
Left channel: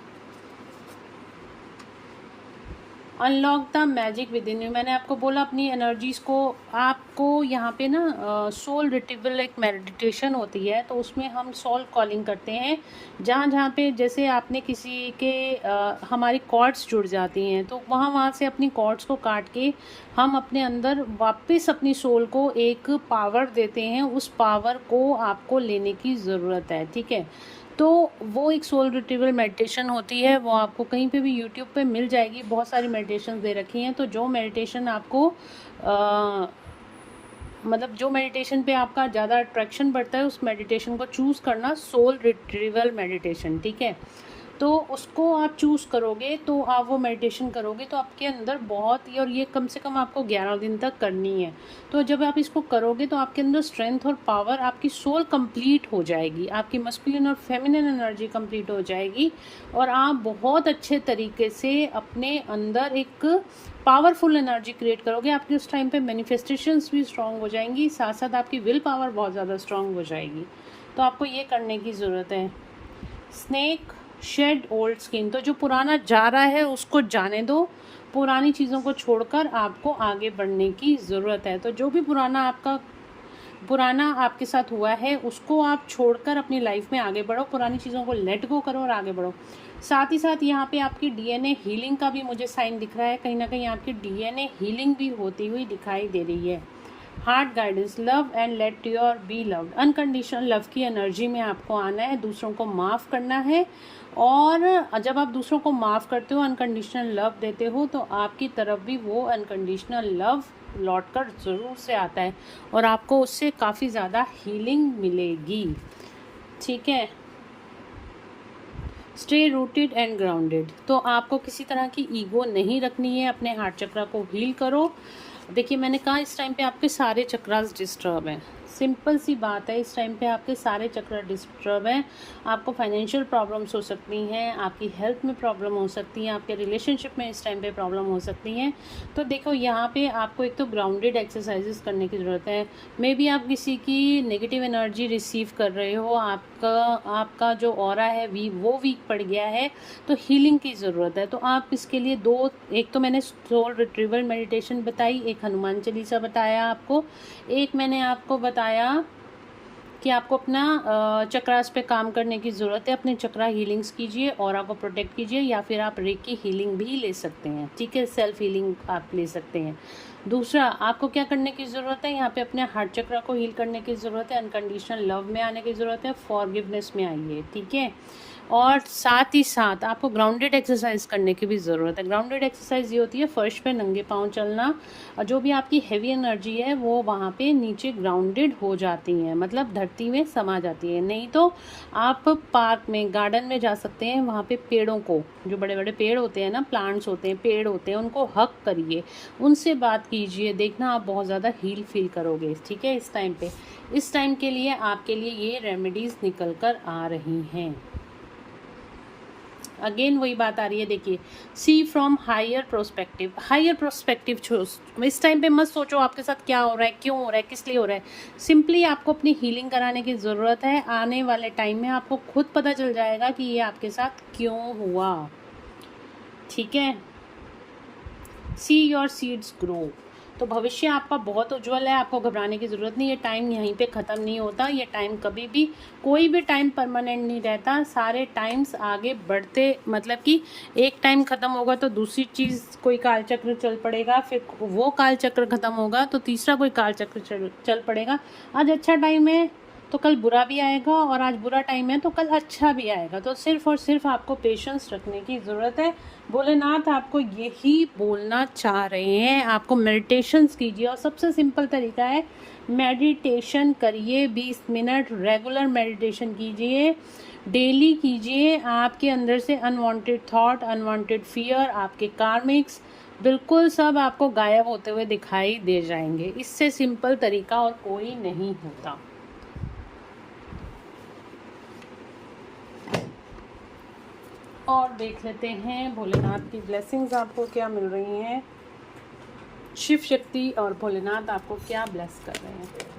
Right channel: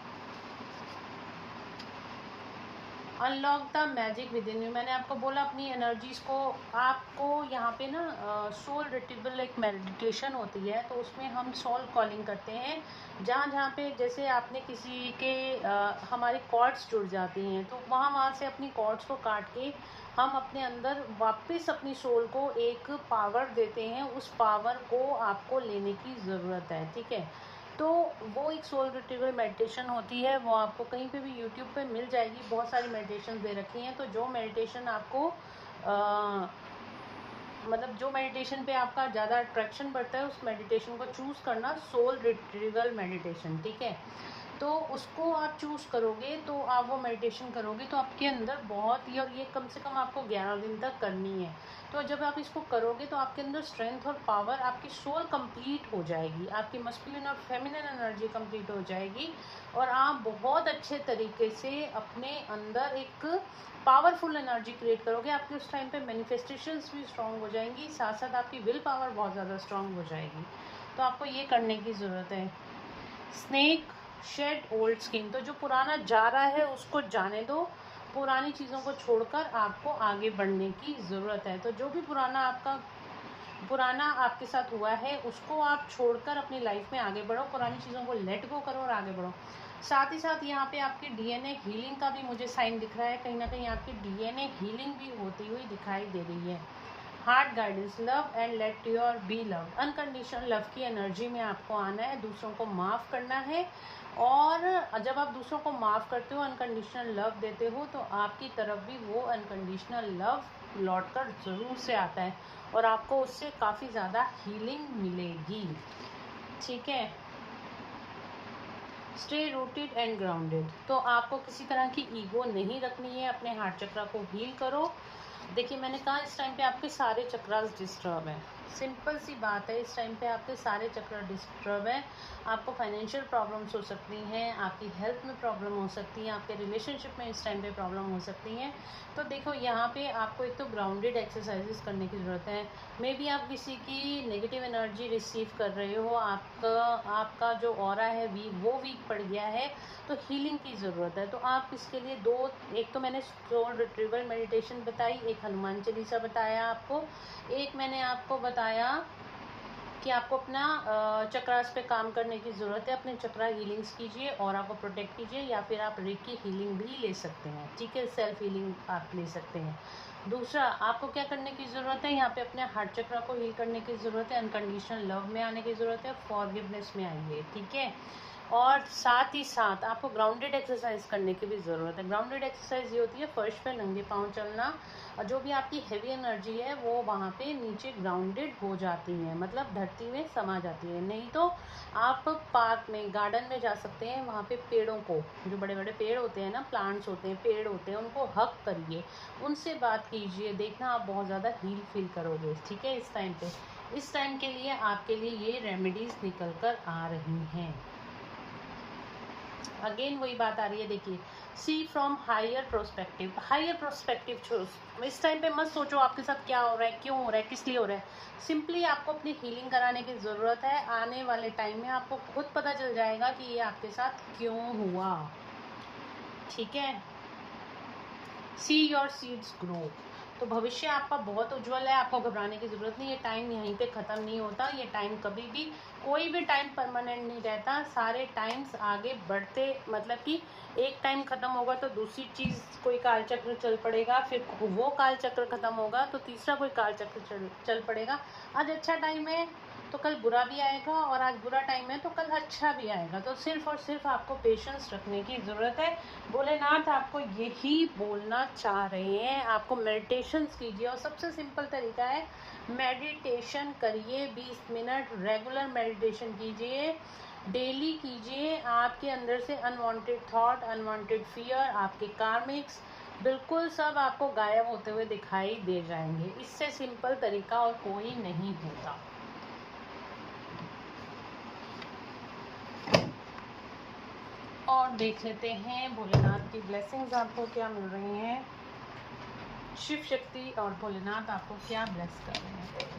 Unlock the magic with in you. मैंने आपको बोला अपनी एनर्जीज़ को, आपको यहाँ पे ना सोल रिट्रीवल एक मेडिटेशन होती है, तो उसमें हम सोल कॉलिंग करते हैं। जहाँ पे जैसे आपने किसी के हमारी कॉर्ड्स जुड़ जाती हैं तो वहाँ से अपनी कॉर्ड्स को काट के हम अपने अंदर वापस अपनी सोल को एक पावर देते हैं। उस पावर को आपको लेने की ज़रूरत है, ठीक है। तो वो एक सोल रिट्रीवल मेडिटेशन होती है, वो आपको कहीं पे भी यूट्यूब पे मिल जाएगी। बहुत सारी मेडिटेशन दे रखी हैं। तो जो मेडिटेशन आपको मतलब जो मेडिटेशन पे आपका ज़्यादा अट्रैक्शन बढ़ता है उस मेडिटेशन को चूज़ करना, सोल रिट्रीवल मेडिटेशन, ठीक है। तो उसको आप चूज़ करोगे तो आप वो मेडिटेशन करोगे तो आपके अंदर बहुत ही, और ये कम से कम आपको 11 दिन तक करनी है। तो जब आप इसको करोगे तो आपके अंदर स्ट्रेंथ और पावर, आपकी सोल कंप्लीट हो जाएगी, आपकी मस्कुलिन और फेमिनिन एनर्जी कंप्लीट हो जाएगी और आप बहुत अच्छे तरीके से अपने अंदर एक पावरफुल एनर्जी क्रिएट करोगे। आपकी उस टाइम पे मैनिफेस्टेशंस भी स्ट्रॉन्ग हो जाएंगी, साथ साथ आपकी विल पावर बहुत ज़्यादा स्ट्रॉन्ग हो जाएगी। तो आपको ये करने की ज़रूरत है। स्नेक शेड ओल्ड स्किन, तो जो पुराना जा रहा है उसको जाने दो, पुरानी चीज़ों को छोड़कर आपको आगे बढ़ने की ज़रूरत है। तो जो भी पुराना आपके साथ हुआ है उसको आप छोड़कर अपनी लाइफ में आगे बढ़ो, पुरानी चीज़ों को लेट गो करो और आगे बढ़ो। साथ ही साथ यहाँ पे आपकी डीएनए हीलिंग का भी मुझे साइन दिख रहा है, कहीं ना कहीं आपकी डीएनए हीलिंग भी होती हुई दिखाई दे रही है। Heart guidance, love and let your be love. Unconditional love की एनर्जी में आपको आना है, दूसरों को माफ़ करना है। और जब आप दूसरों को माफ़ करते हो, अनकंडीशनल लव देते हो, तो आपकी तरफ भी वो अनकंडीशनल लव लौट कर ज़रूर से आता है और आपको उससे काफ़ी ज़्यादा हीलिंग मिलेगी। ठीक है। स्टे रूटेड एंड ग्राउंडेड, तो आपको किसी तरह की ईगो नहीं रखनी है, अपने हार्ट चक्र को हील करो। देखिए मैंने कहा इस टाइम पे आपके सारे चक्रास डिस्टर्ब हैं, सिंपल सी बात है, इस टाइम पे आपके सारे चक्र डिस्टर्ब हैं। आपको फाइनेंशियल प्रॉब्लम्स हो सकती हैं, आपकी हेल्थ में प्रॉब्लम हो सकती हैं, आपके रिलेशनशिप में इस टाइम पे प्रॉब्लम हो सकती हैं। तो देखो यहाँ पे आपको एक तो ग्राउंडेड एक्सरसाइजेस करने की ज़रूरत है। मे बी आप किसी की नेगेटिव एनर्जी रिसीव कर रहे हो, आपका जो ऑरा है वो वीक पड़ गया है, तो हीलिंग की ज़रूरत है। तो आप इसके लिए एक तो मैंने सोल रिट्रीवल मेडिटेशन बताई, एक हनुमान चालीसा बताया आपको, एक मैंने आपको बताया कि आपको अपना चक्रास पे काम करने की ज़रूरत है। अपने चक्रा हीलिंग्स कीजिए, ऑरा को प्रोटेक्ट कीजिए, या फिर आप रेकी हीलिंग भी ले सकते हैं। ठीक है, सेल्फ हीलिंग आप ले सकते हैं। दूसरा, आपको क्या करने की ज़रूरत है, यहाँ पे अपने हार्ट चक्रा को हील करने की ज़रूरत है, अनकंडीशनल लव में आने की ज़रूरत है, फॉरगिवनेस में आइए। ठीक है। और साथ ही साथ आपको ग्राउंडेड एक्सरसाइज करने की भी ज़रूरत है। ग्राउंडेड एक्सरसाइज ये होती है फर्श पे नंगे पाँव चलना, और जो भी आपकी हैवी एनर्जी है वो वहाँ पे नीचे ग्राउंडेड हो जाती हैं, मतलब धरती में समा जाती है। नहीं तो आप पार्क में, गार्डन में जा सकते हैं, वहाँ पे पेड़ों को, जो बड़े बड़े पेड़ होते हैं ना, प्लांट्स होते हैं, पेड़ होते हैं, उनको हक करिए, उनसे बात कीजिए, देखना आप बहुत ज़्यादा हील फील करोगे। ठीक है। इस टाइम के लिए आपके लिए ये रेमेडीज़ निकल कर आ रही हैं। अगेन वही बात आ रही है, देखिए, see from higher prospective. Higher prospective इस टाइम पे मत सोचो आपके साथ क्या हो रहा है, क्यों हो रहा है, किस लिए हो रहा है। सिंपली आपको अपनी हीलिंग कराने की ज़रूरत है। आने वाले टाइम में आपको खुद पता चल जाएगा कि ये आपके साथ क्यों हुआ। ठीक है। सी योर सीड्स ग्रो, तो भविष्य आपका बहुत उज्जवल है, आपको घबराने की ज़रूरत नहीं। ये टाइम यहीं पे ख़त्म नहीं होता, ये टाइम कभी भी, कोई भी टाइम परमानेंट नहीं रहता, सारे टाइम्स आगे बढ़ते, मतलब कि एक टाइम ख़त्म होगा तो दूसरी चीज़, कोई कालचक्र चल पड़ेगा, फिर वो कालचक्र ख़त्म होगा तो तीसरा कोई कालचक्र चल पड़ेगा। आज अच्छा टाइम है तो कल बुरा भी आएगा, और आज बुरा टाइम है तो कल अच्छा भी आएगा। तो सिर्फ और सिर्फ आपको पेशेंस रखने की ज़रूरत है। भोलेनाथ आपको यही बोलना चाह रहे हैं, आपको मेडिटेशंस कीजिए, और सबसे सिंपल तरीका है मेडिटेशन करिए। 20 मिनट रेगुलर मेडिटेशन कीजिए, डेली कीजिए। आपके अंदर से अनवांटेड थॉट, अनवांटेड फियर, आपके कार्मिक्स बिल्कुल सब आपको गायब होते हुए दिखाई दे जाएंगे। इससे सिंपल तरीका और कोई नहीं होता। और देख लेते हैं भोलेनाथ की ब्लेसिंग्स आपको क्या मिल रही हैं, शिव शक्ति और भोलेनाथ आपको क्या ब्लेस कर रहे हैं।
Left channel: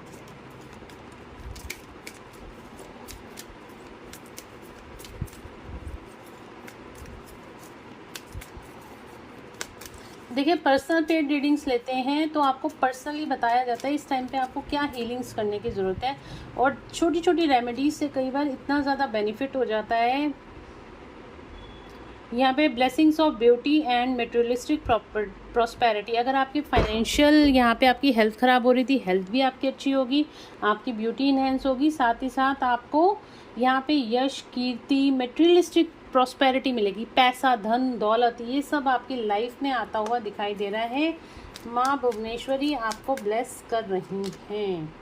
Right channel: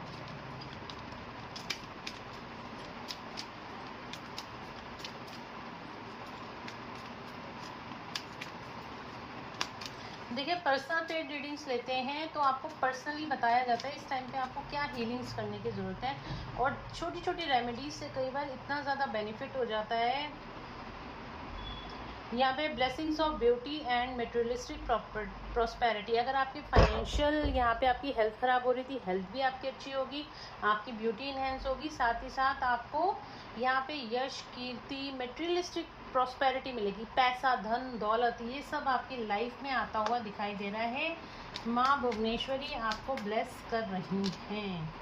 देखिए, पर्सनल पेड रीडिंग्स लेते हैं तो आपको पर्सनली बताया जाता है इस टाइम पे आपको क्या हीलिंग्स करने की ज़रूरत है, और छोटी छोटी रेमेडीज से कई बार इतना ज़्यादा बेनिफिट हो जाता है। यहाँ पे blessings of beauty and materialistic prosperity. अगर आपकी फाइनेंशियल, यहाँ पे आपकी हेल्थ ख़राब हो रही थी, हेल्थ भी आपकी अच्छी होगी, आपकी ब्यूटी इन्हेंस होगी, साथ ही साथ आपको यहाँ पे यश, कीर्ति, मेटेरियलिस्टिक प्रॉस्पेरिटी मिलेगी, पैसा, धन, दौलत, ये सब आपकी लाइफ में आता हुआ दिखाई दे रहा है। माँ भुवनेश्वरी आपको ब्लेस कर रही हैं।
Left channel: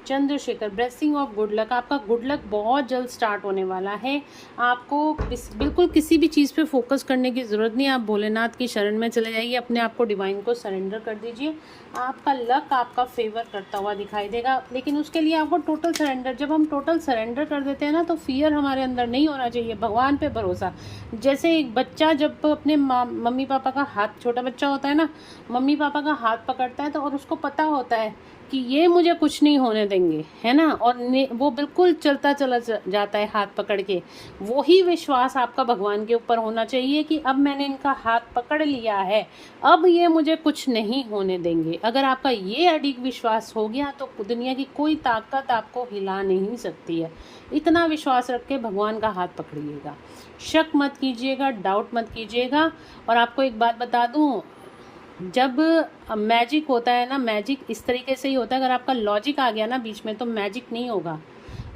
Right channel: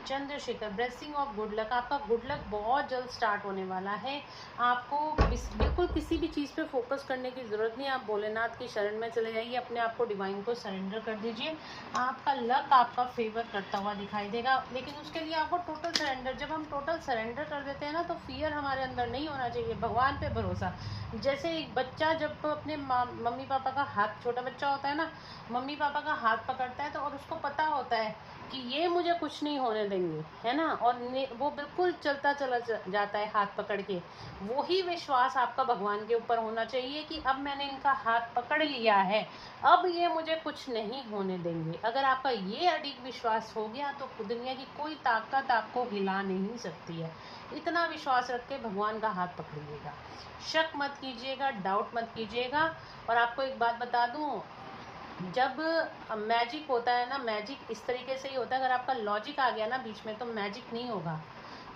Chandrashekhar, blessing of good luck, आपका गुड लक बहुत जल्द स्टार्ट होने वाला है। आपको बिल्कुल किसी भी चीज़ पे फोकस करने की ज़रूरत नहीं, आप भोलेनाथ की शरण में चले जाइए, अपने आप को डिवाइन को सरेंडर कर दीजिए, आपका लक आपका फेवर करता हुआ दिखाई देगा। लेकिन उसके लिए आपको टोटल सरेंडर, जब हम टोटल सरेंडर कर देते हैं ना, तो फियर हमारे अंदर नहीं होना चाहिए, भगवान पे भरोसा। जैसे एक बच्चा जब अपने मम्मी पापा का हाथ, छोटा बच्चा होता है ना, मम्मी पापा का हाथ पकड़ता है तो, और उसको पता होता है कि ये मुझे कुछ नहीं होने देंगे, है ना, और वो बिल्कुल चलता चला जाता है हाथ पकड़ के। वही विश्वास आपका भगवान के ऊपर होना चाहिए कि अब मैंने इनका हाथ पकड़ लिया है, अब ये मुझे कुछ नहीं होने देंगे। अगर आपका ये अडिग विश्वास हो गया तो दुनिया की कोई ताकत आपको हिला नहीं सकती है। इतना विश्वास रख के भगवान का हाथ पकड़िएगा, शक मत कीजिएगा, डाउट मत कीजिएगा। और आपको एक बात बता दूँ, जब मैजिक होता है ना, मैजिक इस तरीके से ही होता है, अगर आपका लॉजिक आ गया ना बीच में तो मैजिक नहीं होगा।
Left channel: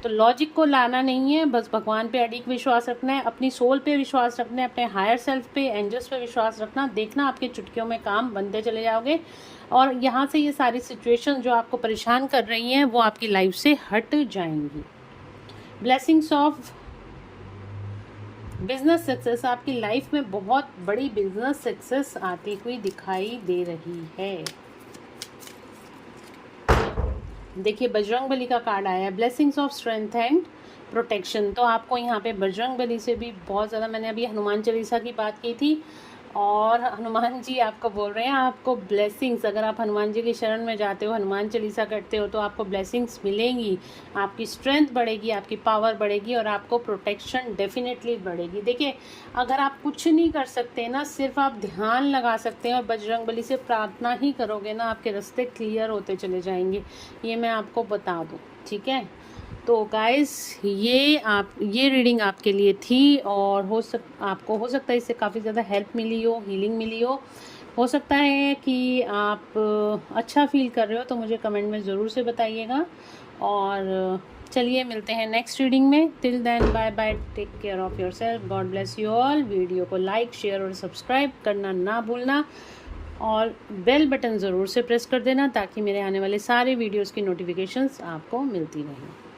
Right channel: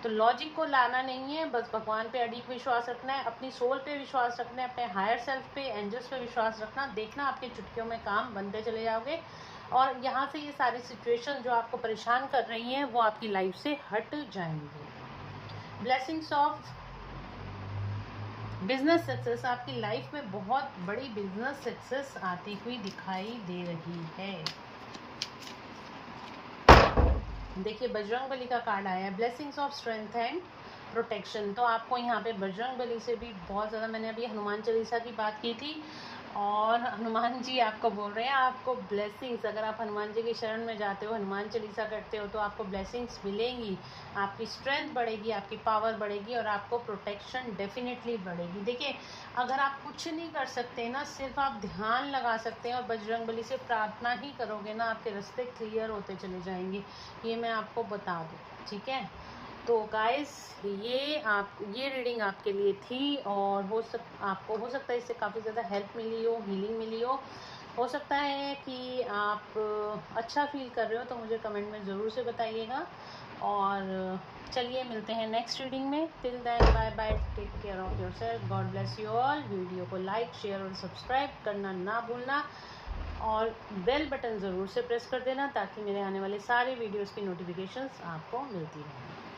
तो लॉजिक को लाना नहीं है, बस भगवान पे अडिग विश्वास रखना है, अपनी सोल पे विश्वास रखना है, अपने हायर सेल्फ पे, एंजल्स पे विश्वास रखना। देखना आपके चुटकियों में काम बनते चले जाओगे और यहाँ से ये सारी सिचुएशन जो आपको परेशान कर रही हैं वो आपकी लाइफ से हट जाएंगी। ब्लेसिंग्स ऑफ बिजनेस सक्सेस, आपकी लाइफ में बहुत बड़ी बिजनेस सक्सेस आती हुई दिखाई दे रही है। देखिए बजरंगबली का कार्ड आया है, blessings of strength and protection. तो आपको यहाँ पे बजरंगबली से भी बहुत ज़्यादा, मैंने अभी हनुमान चालीसा की बात की थी और हनुमान जी आपको बोल रहे हैं आपको ब्लेसिंग्स, अगर आप हनुमान जी की शरण में जाते हो, हनुमान चालीसा करते हो तो आपको ब्लेसिंग्स मिलेंगी, आपकी स्ट्रेंथ बढ़ेगी, आपकी पावर बढ़ेगी और आपको प्रोटेक्शन डेफिनेटली बढ़ेगी। देखिए अगर आप कुछ नहीं कर सकते ना, सिर्फ आप ध्यान लगा सकते हैं और बजरंगबली से प्रार्थना ही करोगे ना, आपके रास्ते क्लियर होते चले जाएंगे, ये मैं आपको बता दूँ। ठीक है, तो गाइस ये रीडिंग आपके लिए थी और आपको हो सकता है इससे काफ़ी ज़्यादा हेल्प मिली हो, हीलिंग मिली हो सकता है कि आप अच्छा फील कर रहे हो, तो मुझे कमेंट में ज़रूर से बताइएगा। और चलिए मिलते हैं नेक्स्ट रीडिंग में। Till then bye bye, take care of your self, God bless you all. Video को लाइक, शेयर और सब्सक्राइब करना ना भूलना और बेल बटन ज़रूर से प्रेस कर देना ताकि मेरे आने वाले सारे वीडियोज़ की नोटिफिकेशंस आपको मिलती रहें।